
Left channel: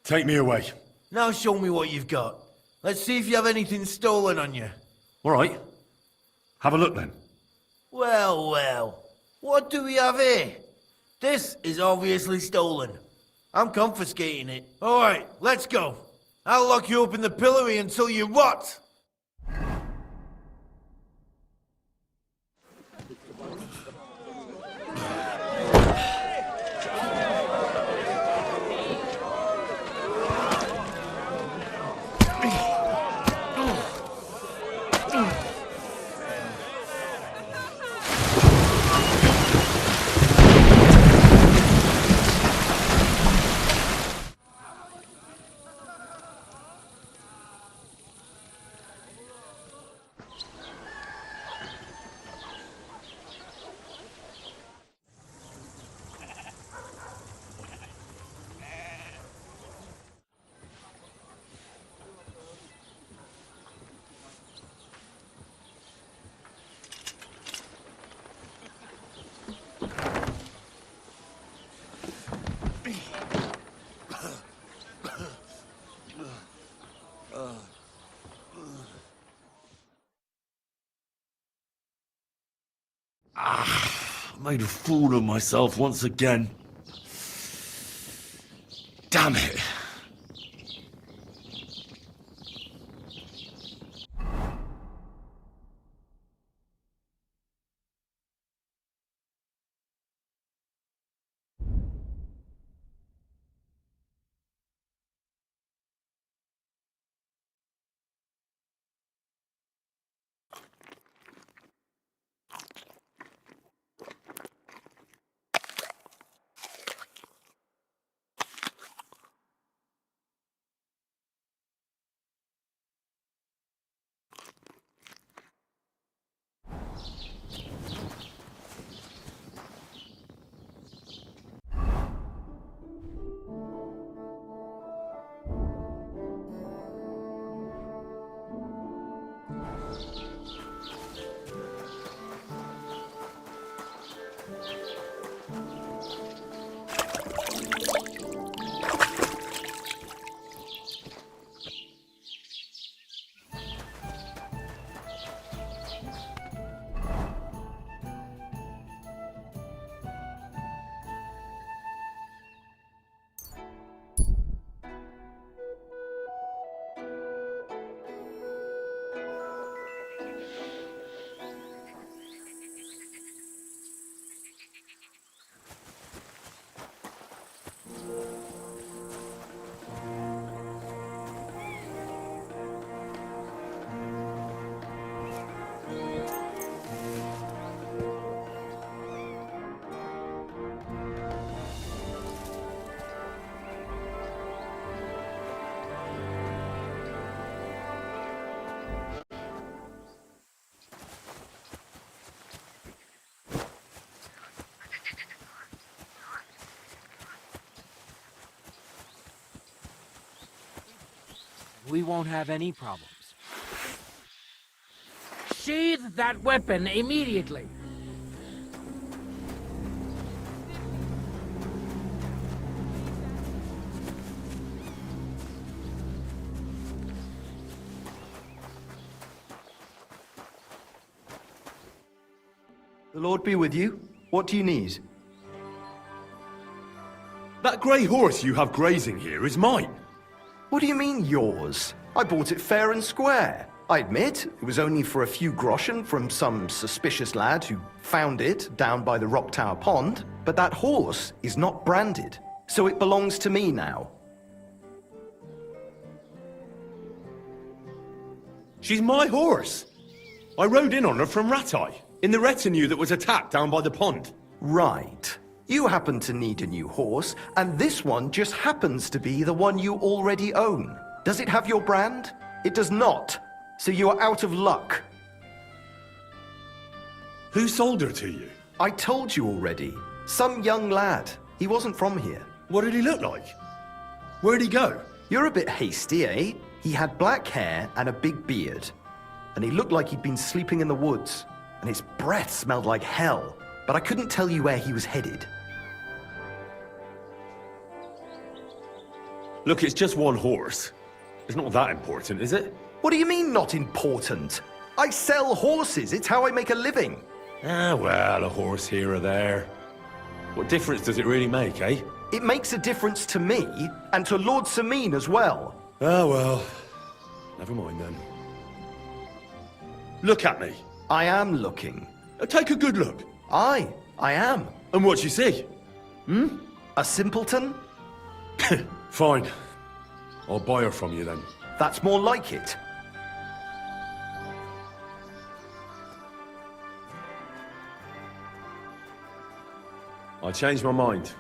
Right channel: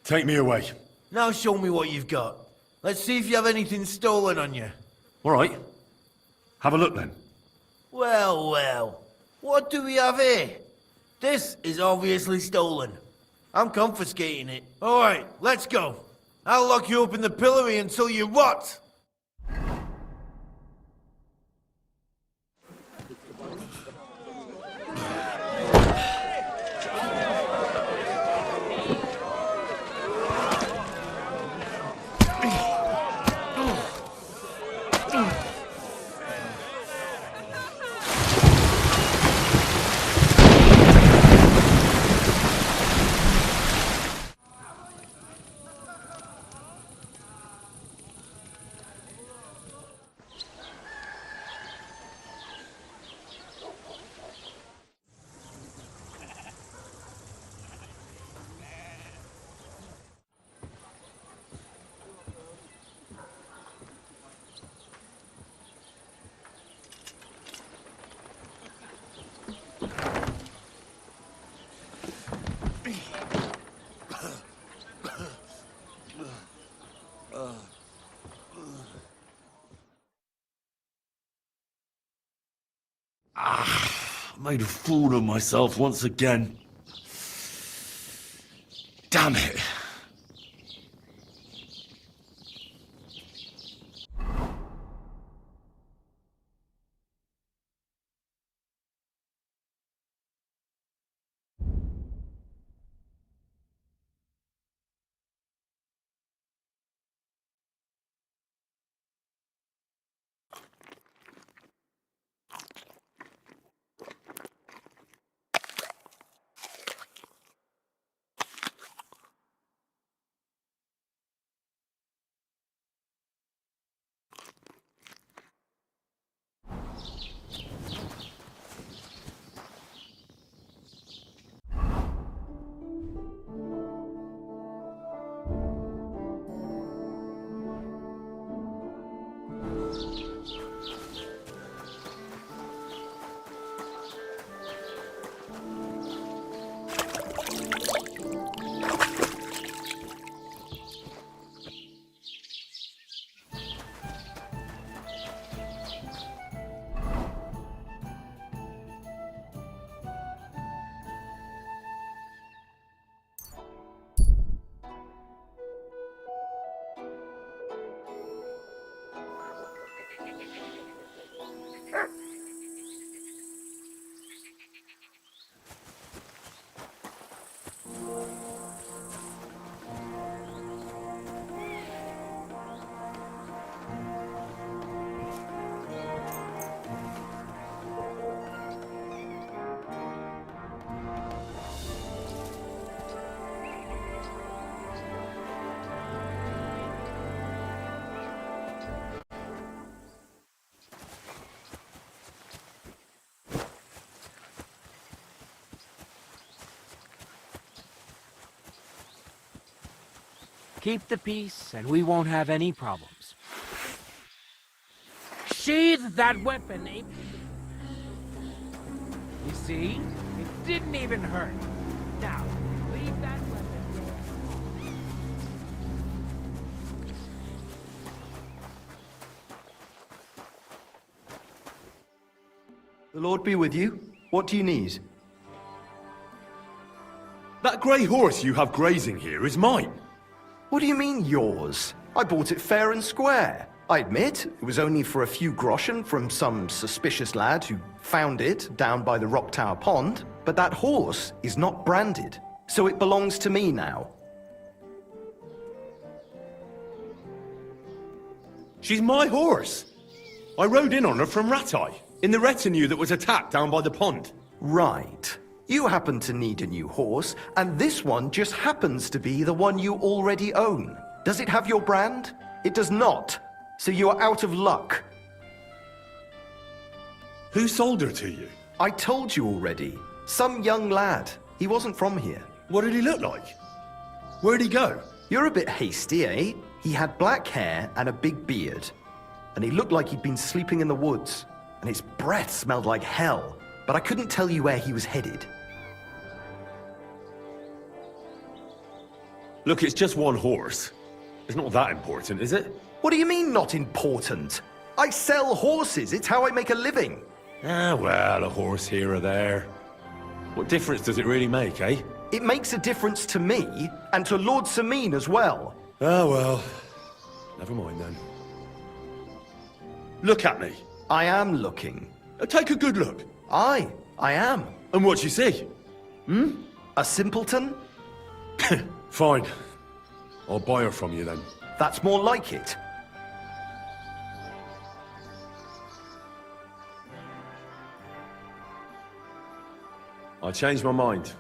Take me away. Now show me what you've got. Let's see if you have anything stolen on you. All right. Have a look then. Well, well. What do we have here? This is obviously stolen. I'm confiscating it. All right, let's go. I'll lock you up in the pillory until you rot. I made a fool of myself once again. Damn it. Keep the peace, and we won't have any problems. Sheathe that weapon immediately. You see? It didn't even hurt. Now, leave that weapon. The Lord be with you. What do you need? That grey horse you have grazing here is mine. What do you mean, yours? I bought it fair and square. I admit, it was only for a few groschen from some suspicious lad who found it down by the Rock Tower Pond, but that horse is not branded, so it belongs to me now. She's my horse. I rode in on her from Ratai, in the retinue that was attacked down by the pond. Right. You happen to need a new horse, and this one just happens to be the one you already own. Does it have your brand? It does not. So you are out of luck. Who sold her to you? I told you already. Some young lad. He wasn't from here. What did he look like? Where'd he go? You're a bit hasty, eh? He had black hair and a big beard. And he looked like he'd been sleeping in the woods. And his breath smelled like hell. But I couldn't tell you where he was headed. Look, it's just one horse. It's not that important, is it? What do you mean, not important? I sell horses. It's how I make a living. Ah, well, a horse here or there. What difference does it really make, eh? It makes a difference to me, and to Lord Sameen as well. Ah, well. Never mind then. Look at me. I am looking. Take a good look. Aye, I am. And what you see? Hmm? A simpleton? Fine. I'll buy her from you then. That's more like it. I changed my mind.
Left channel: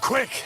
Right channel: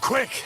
Quick!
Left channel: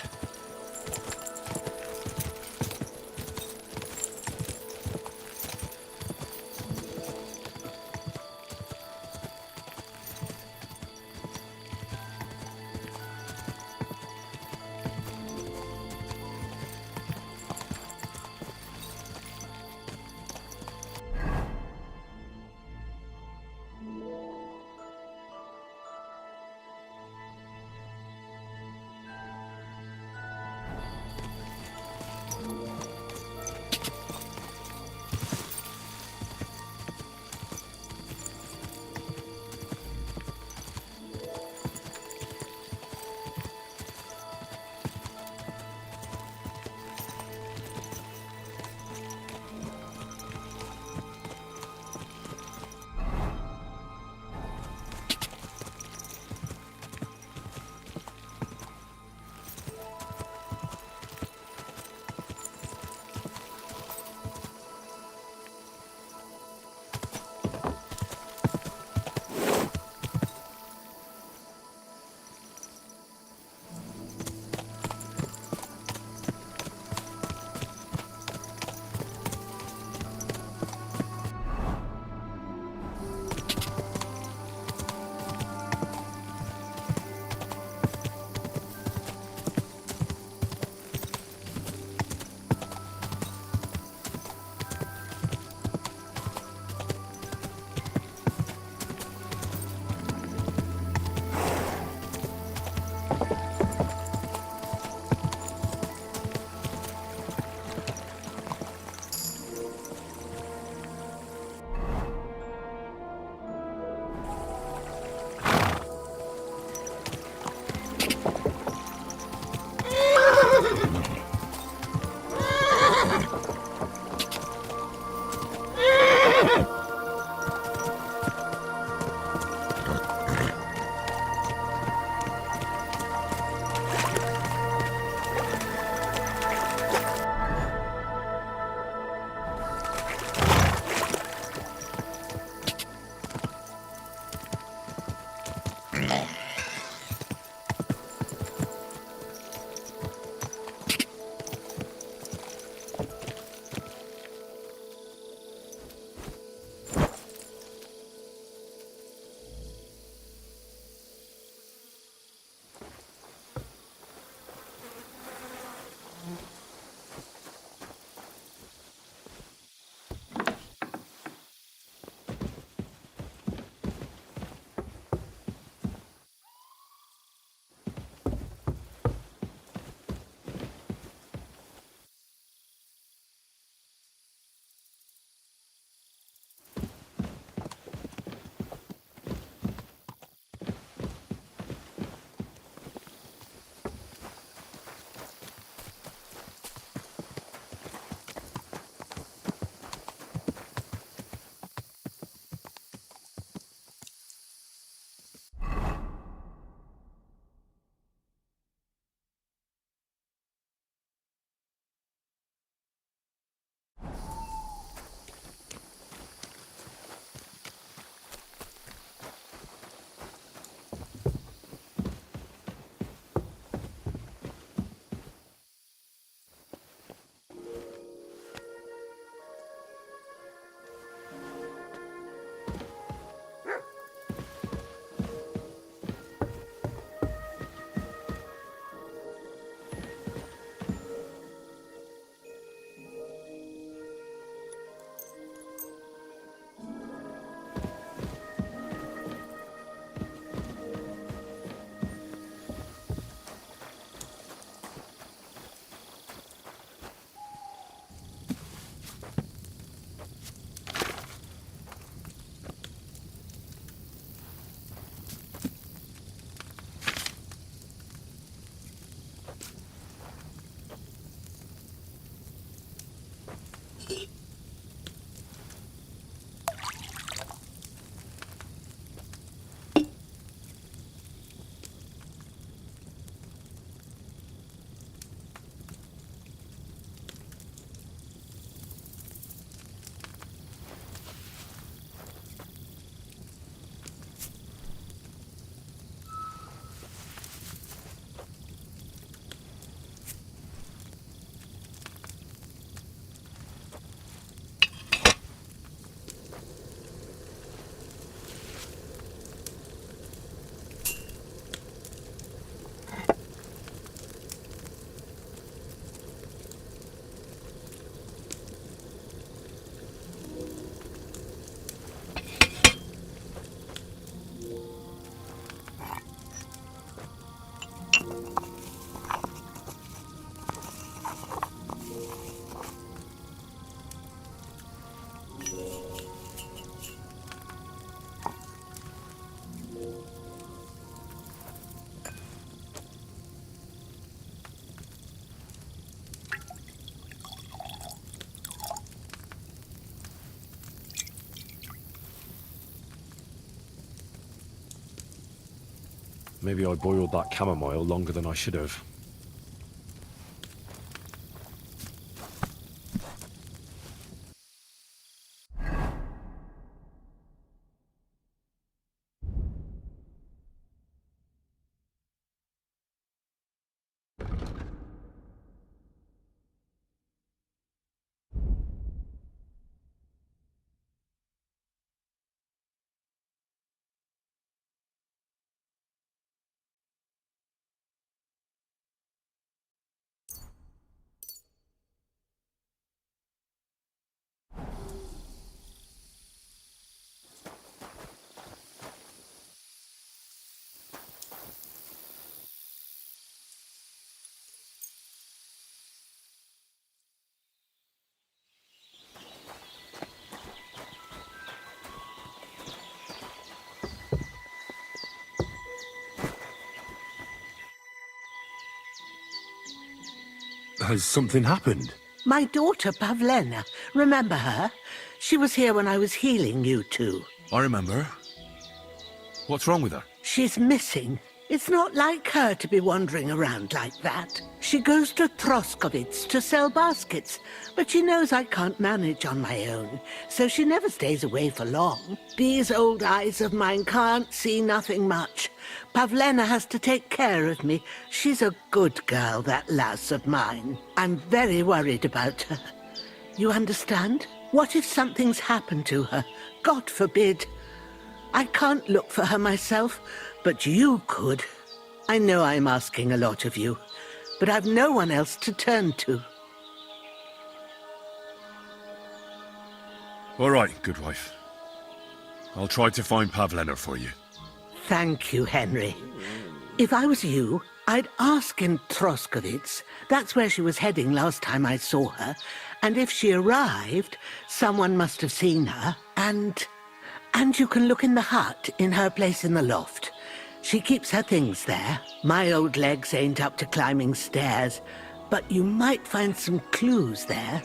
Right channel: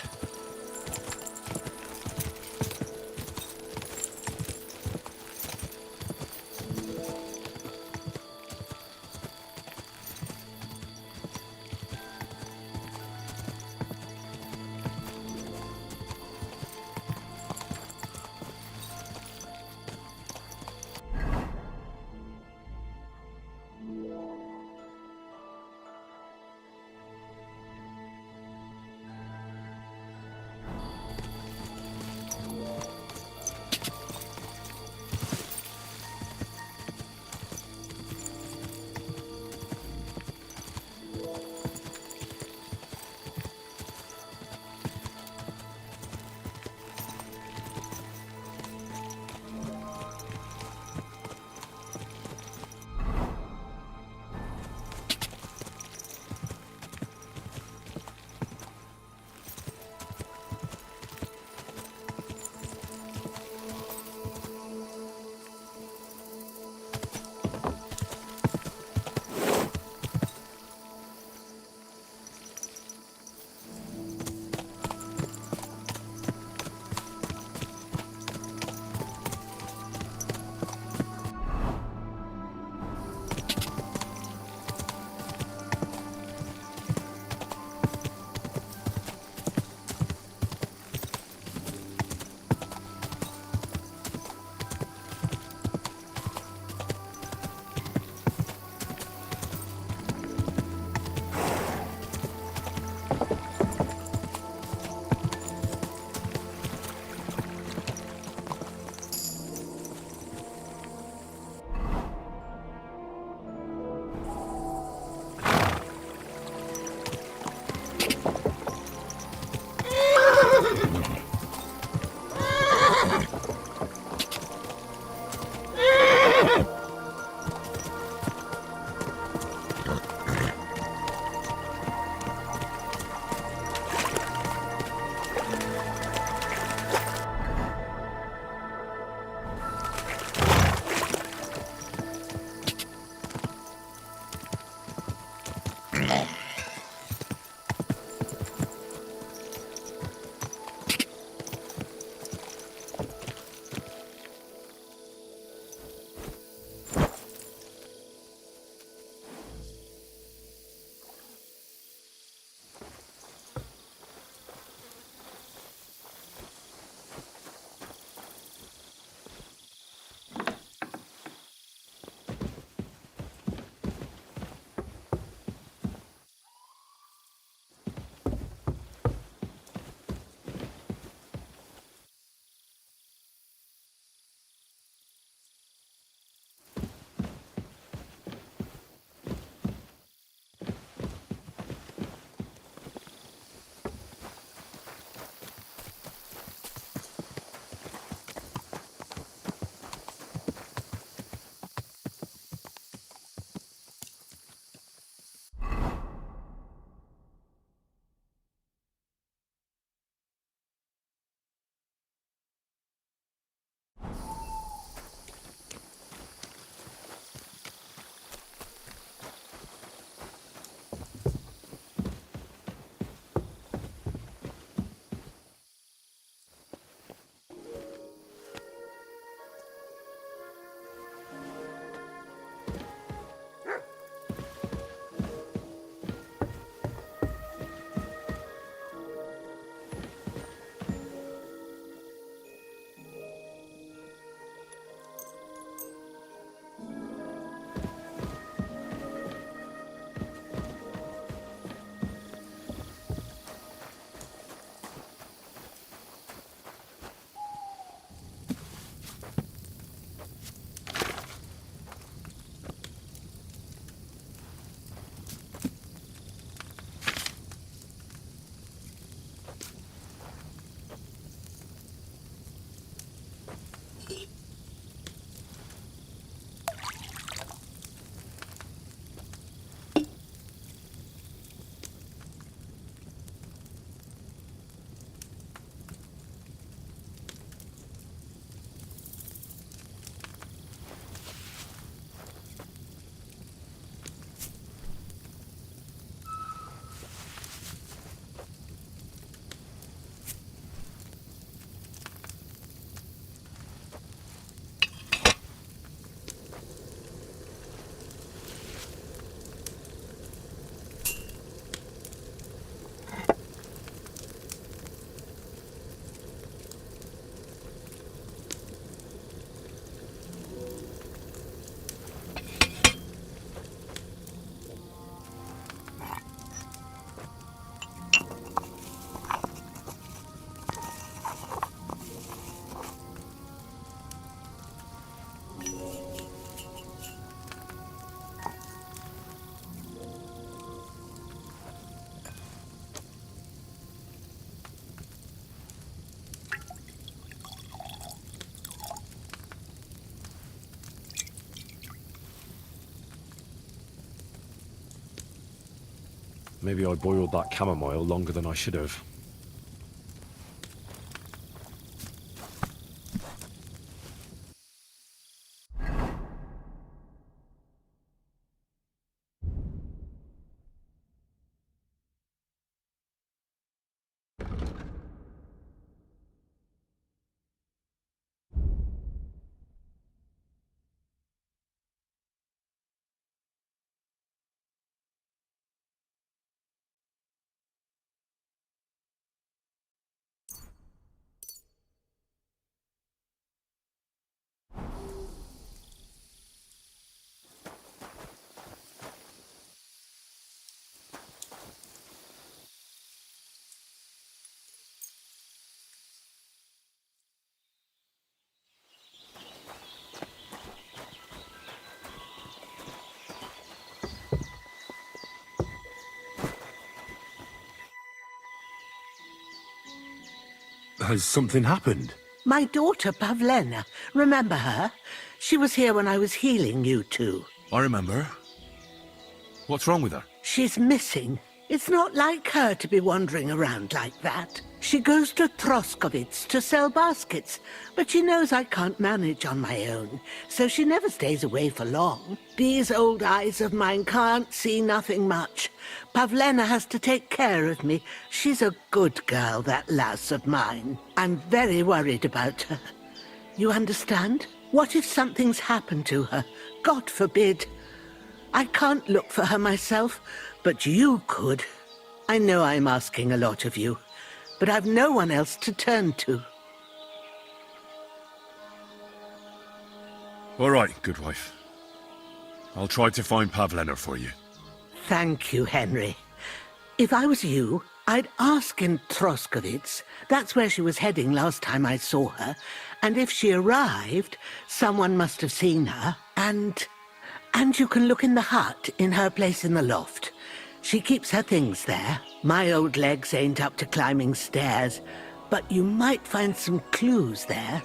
Maybe I boiled that chamomile longer than I should have. Has something happened? My daughter, Pavlena. Remember her? She was here when I was healing you two. I remember. What's wrong with her? She's missing. It's not like her to be wandering around like that. She goes to Troskovitz to sell baskets, but she knows I can't manage on my own, so she never stays away for long. These old eyes of mine can't see nothing much. Pavlena has to take care of me. She's a good girl, that lass of mine. I'm very worried about her. You understand? What if something's happened to her? God forbid. I can't look for her myself, but you could. I know I'm asking a lot of you, but I've no one else to turn to. All right, good wife. I'll try to find Pavlena for you. Thank you, Henry. If I was you, I'd ask in Troskovitz. That's where she was heading last time I saw her. And if she arrived, someone must have seen her. And you can look in the hut in her place in the loft. She keeps her things there. My old legs ain't up to climbing stairs, but you might find some clues there.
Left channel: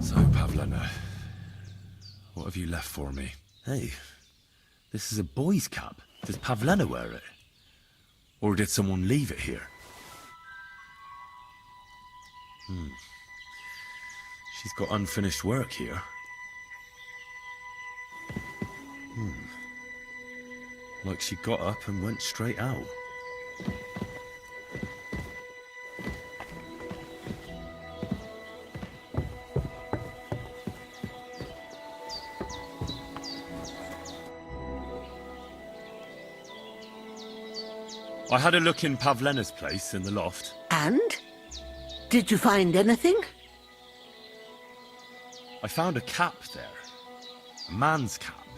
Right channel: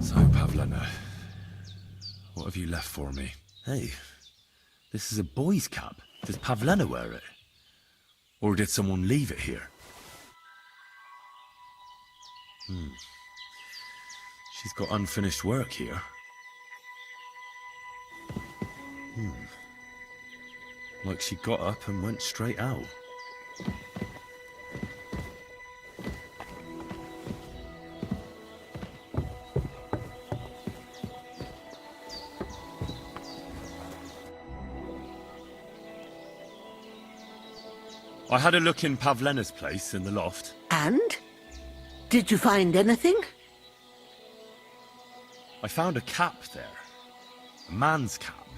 So, Pavlena, what have you left for me? Hey, this is a boy's cap. Does Pavlena wear it? Or did someone leave it here? She's got unfinished work here. Like she got up and went straight out. I had a look in Pavlena's place in the loft. And? Did you find anything? I found a cap there. A man's cap.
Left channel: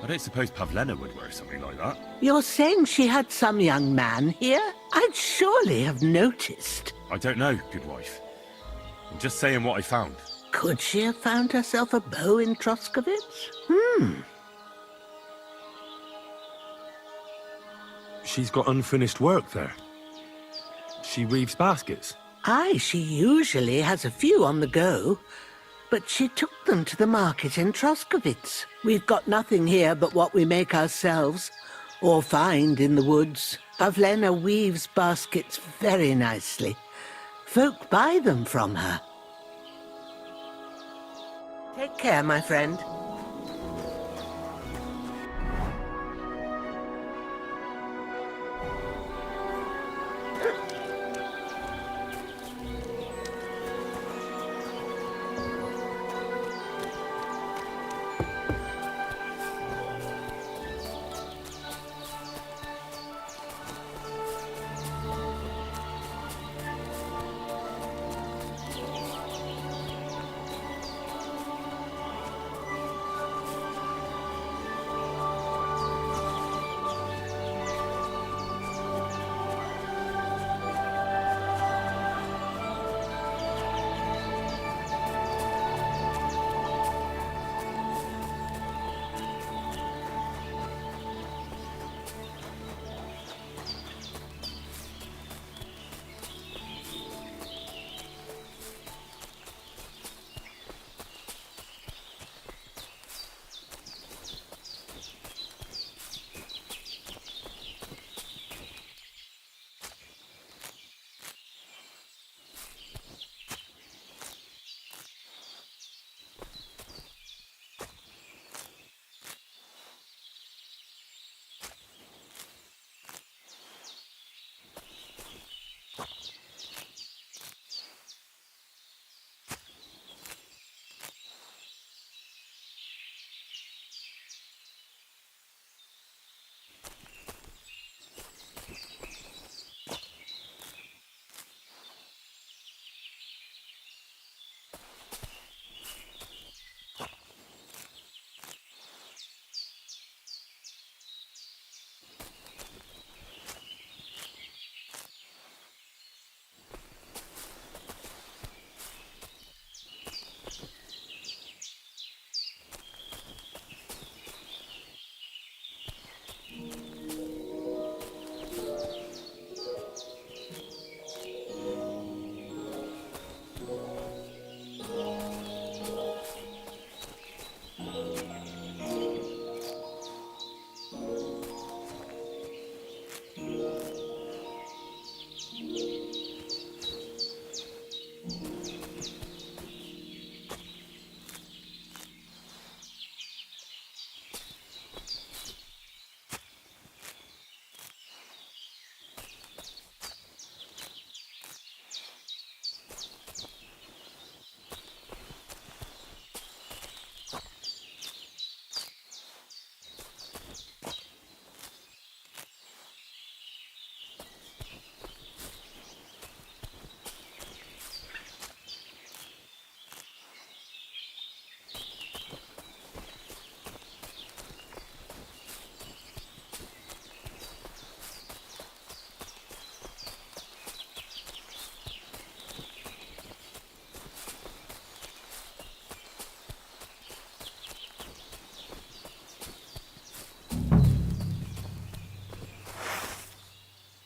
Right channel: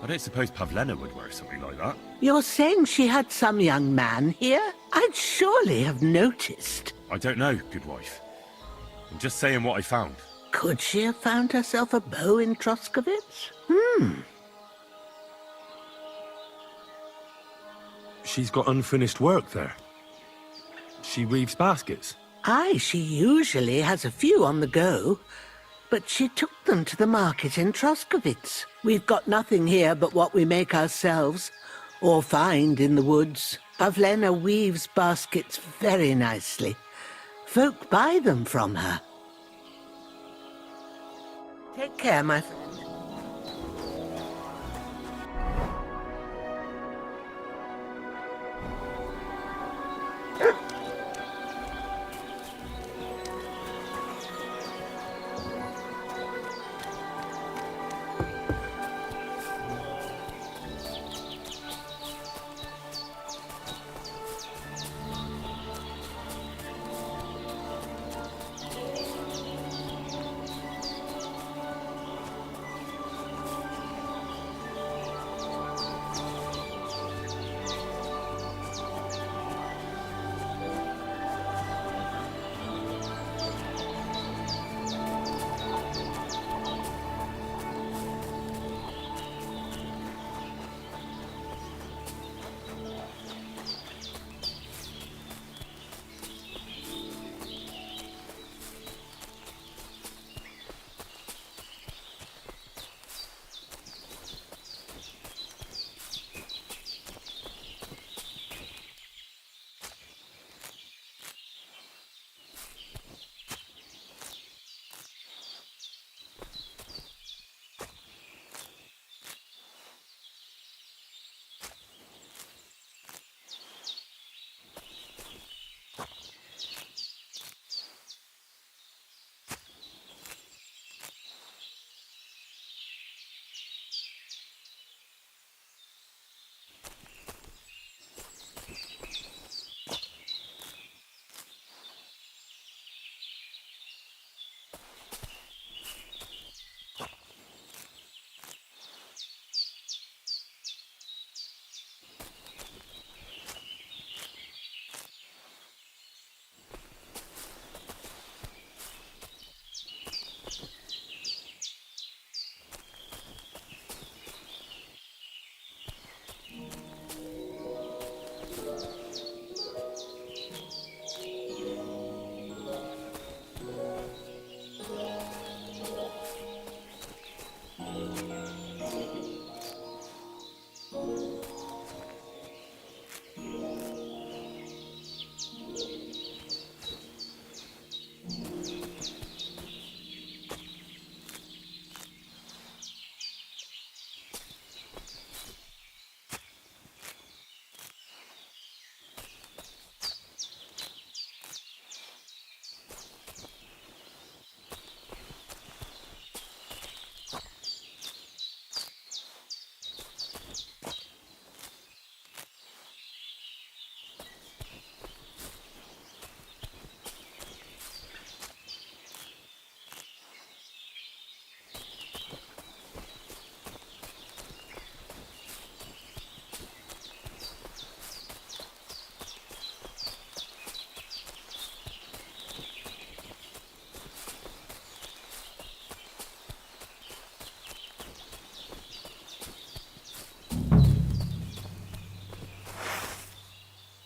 I don't suppose Pavlena would wear something like that. You're saying she had some young man here? I'd surely have noticed. I don't know, good wife. I'm just saying what I found. Could she have found herself a beau in Troskovitz? She's got unfinished work there. She weaves baskets. Aye, she usually has a few on the go. But she took them to the market in Troskovitz. We've got nothing here but what we make ourselves, or find in the woods. Pavlena weaves baskets very nicely. Folk buy them from her. Take care, my friend.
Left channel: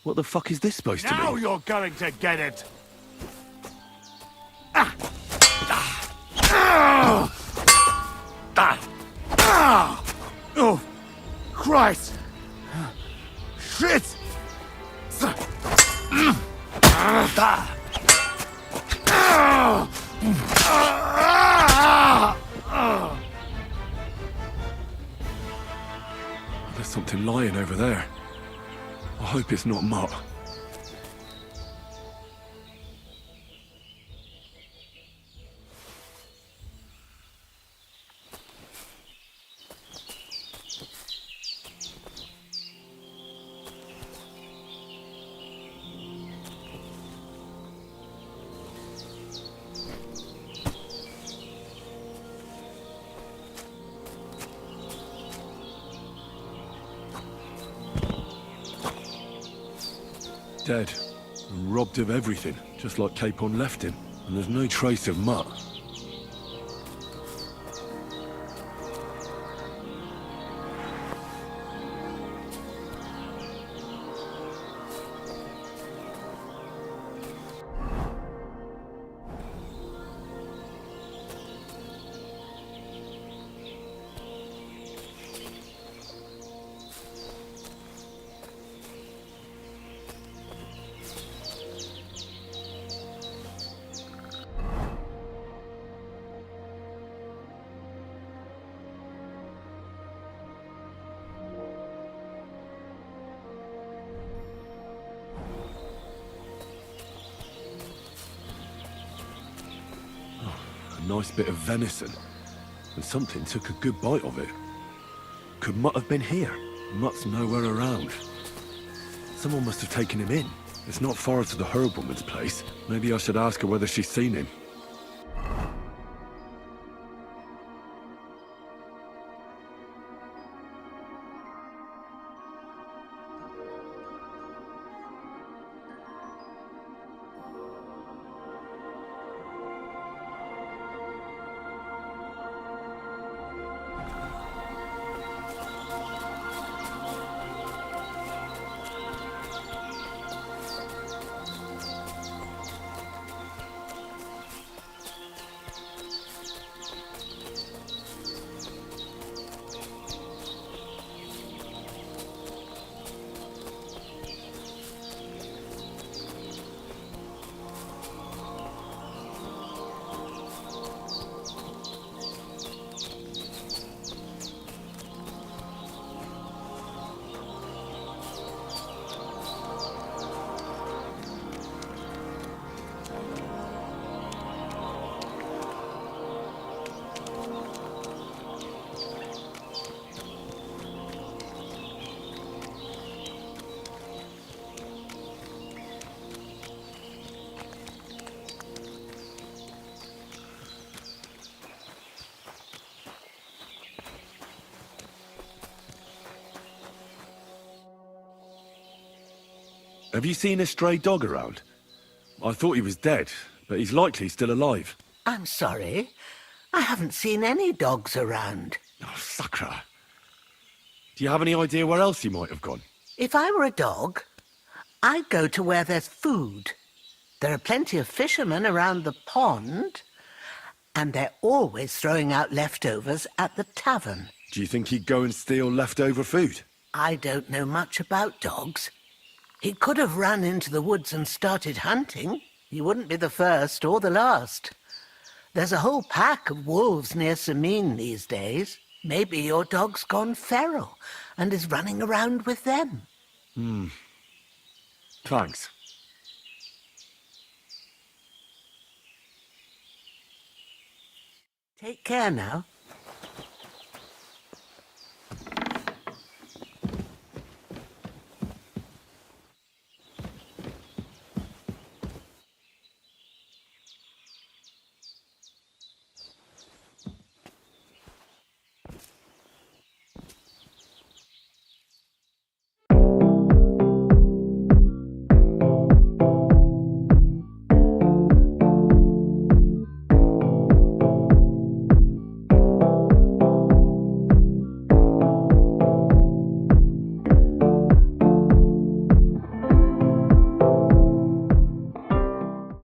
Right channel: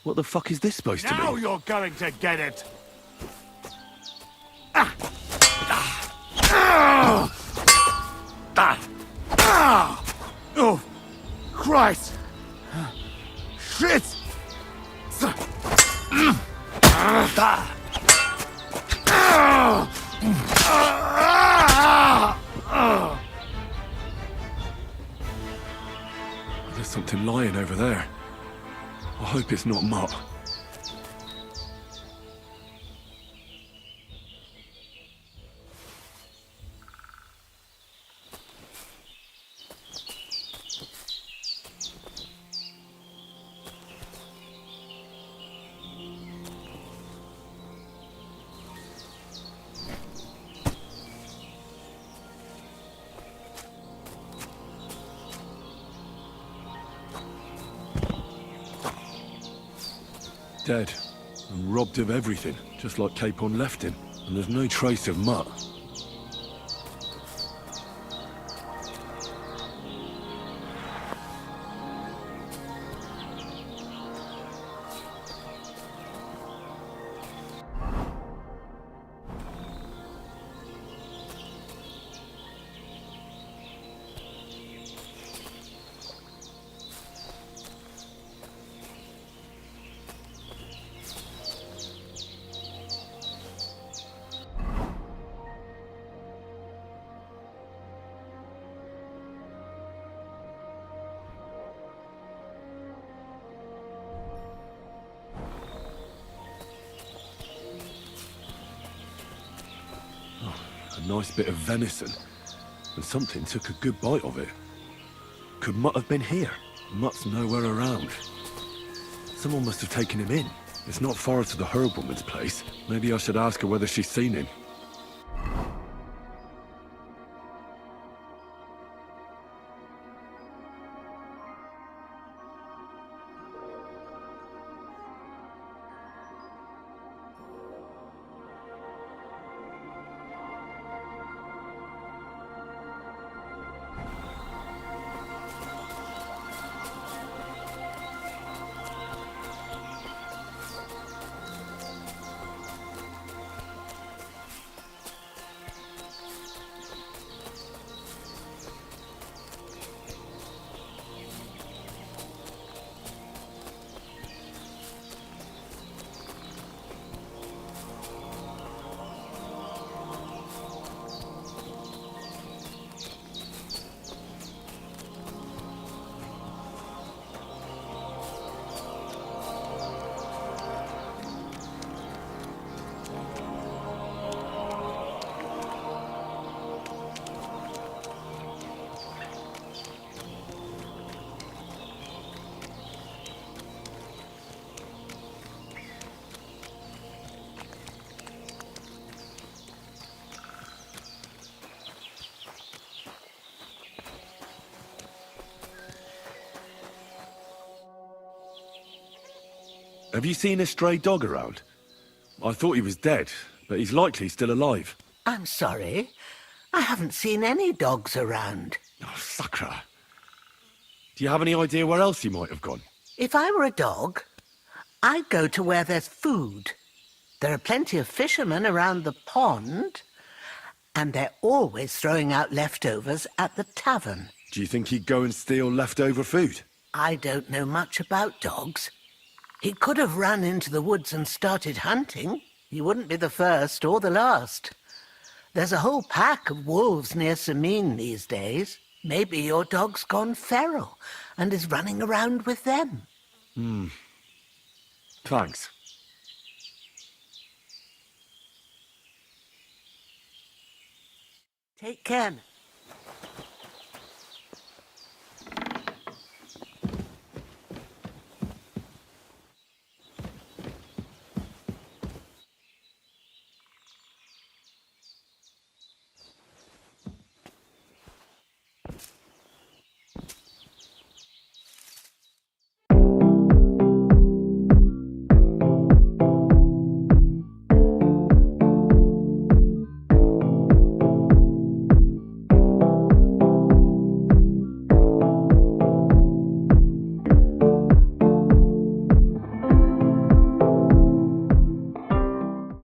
What the fuck is this supposed to Now mean? you're going to get it! Oh, Christ! Shit! There's something lying over there. I hope it's not Mutt. Dead, and robbed of everything, just like Capon left him. And there's no trace of Mutt. A nice bit of venison, and something took a good bite of it. Could Mutt have been here? Mutt's nowhere around. Someone must have taken him in. It's not far to the herb woman's place. Maybe I should ask her whether she's seen him. Have you seen a stray dog around? I thought he was dead, but he's likely still alive. I'm sorry. I haven't seen any dogs around. Oh, Sakra. Do you have any idea where else he might have gone? If I were a dog, I'd go to where there's food. There are plenty of fishermen around the pond, and they're always throwing out leftovers at the tavern. Do you think he'd go and steal leftover food? I don't know much about dogs. He could have run into the woods and started hunting. He wouldn't be the first or the last. There's a whole pack of wolves near Samine these days. Maybe your dog's gone feral and is running around with them. Thanks. Take care now.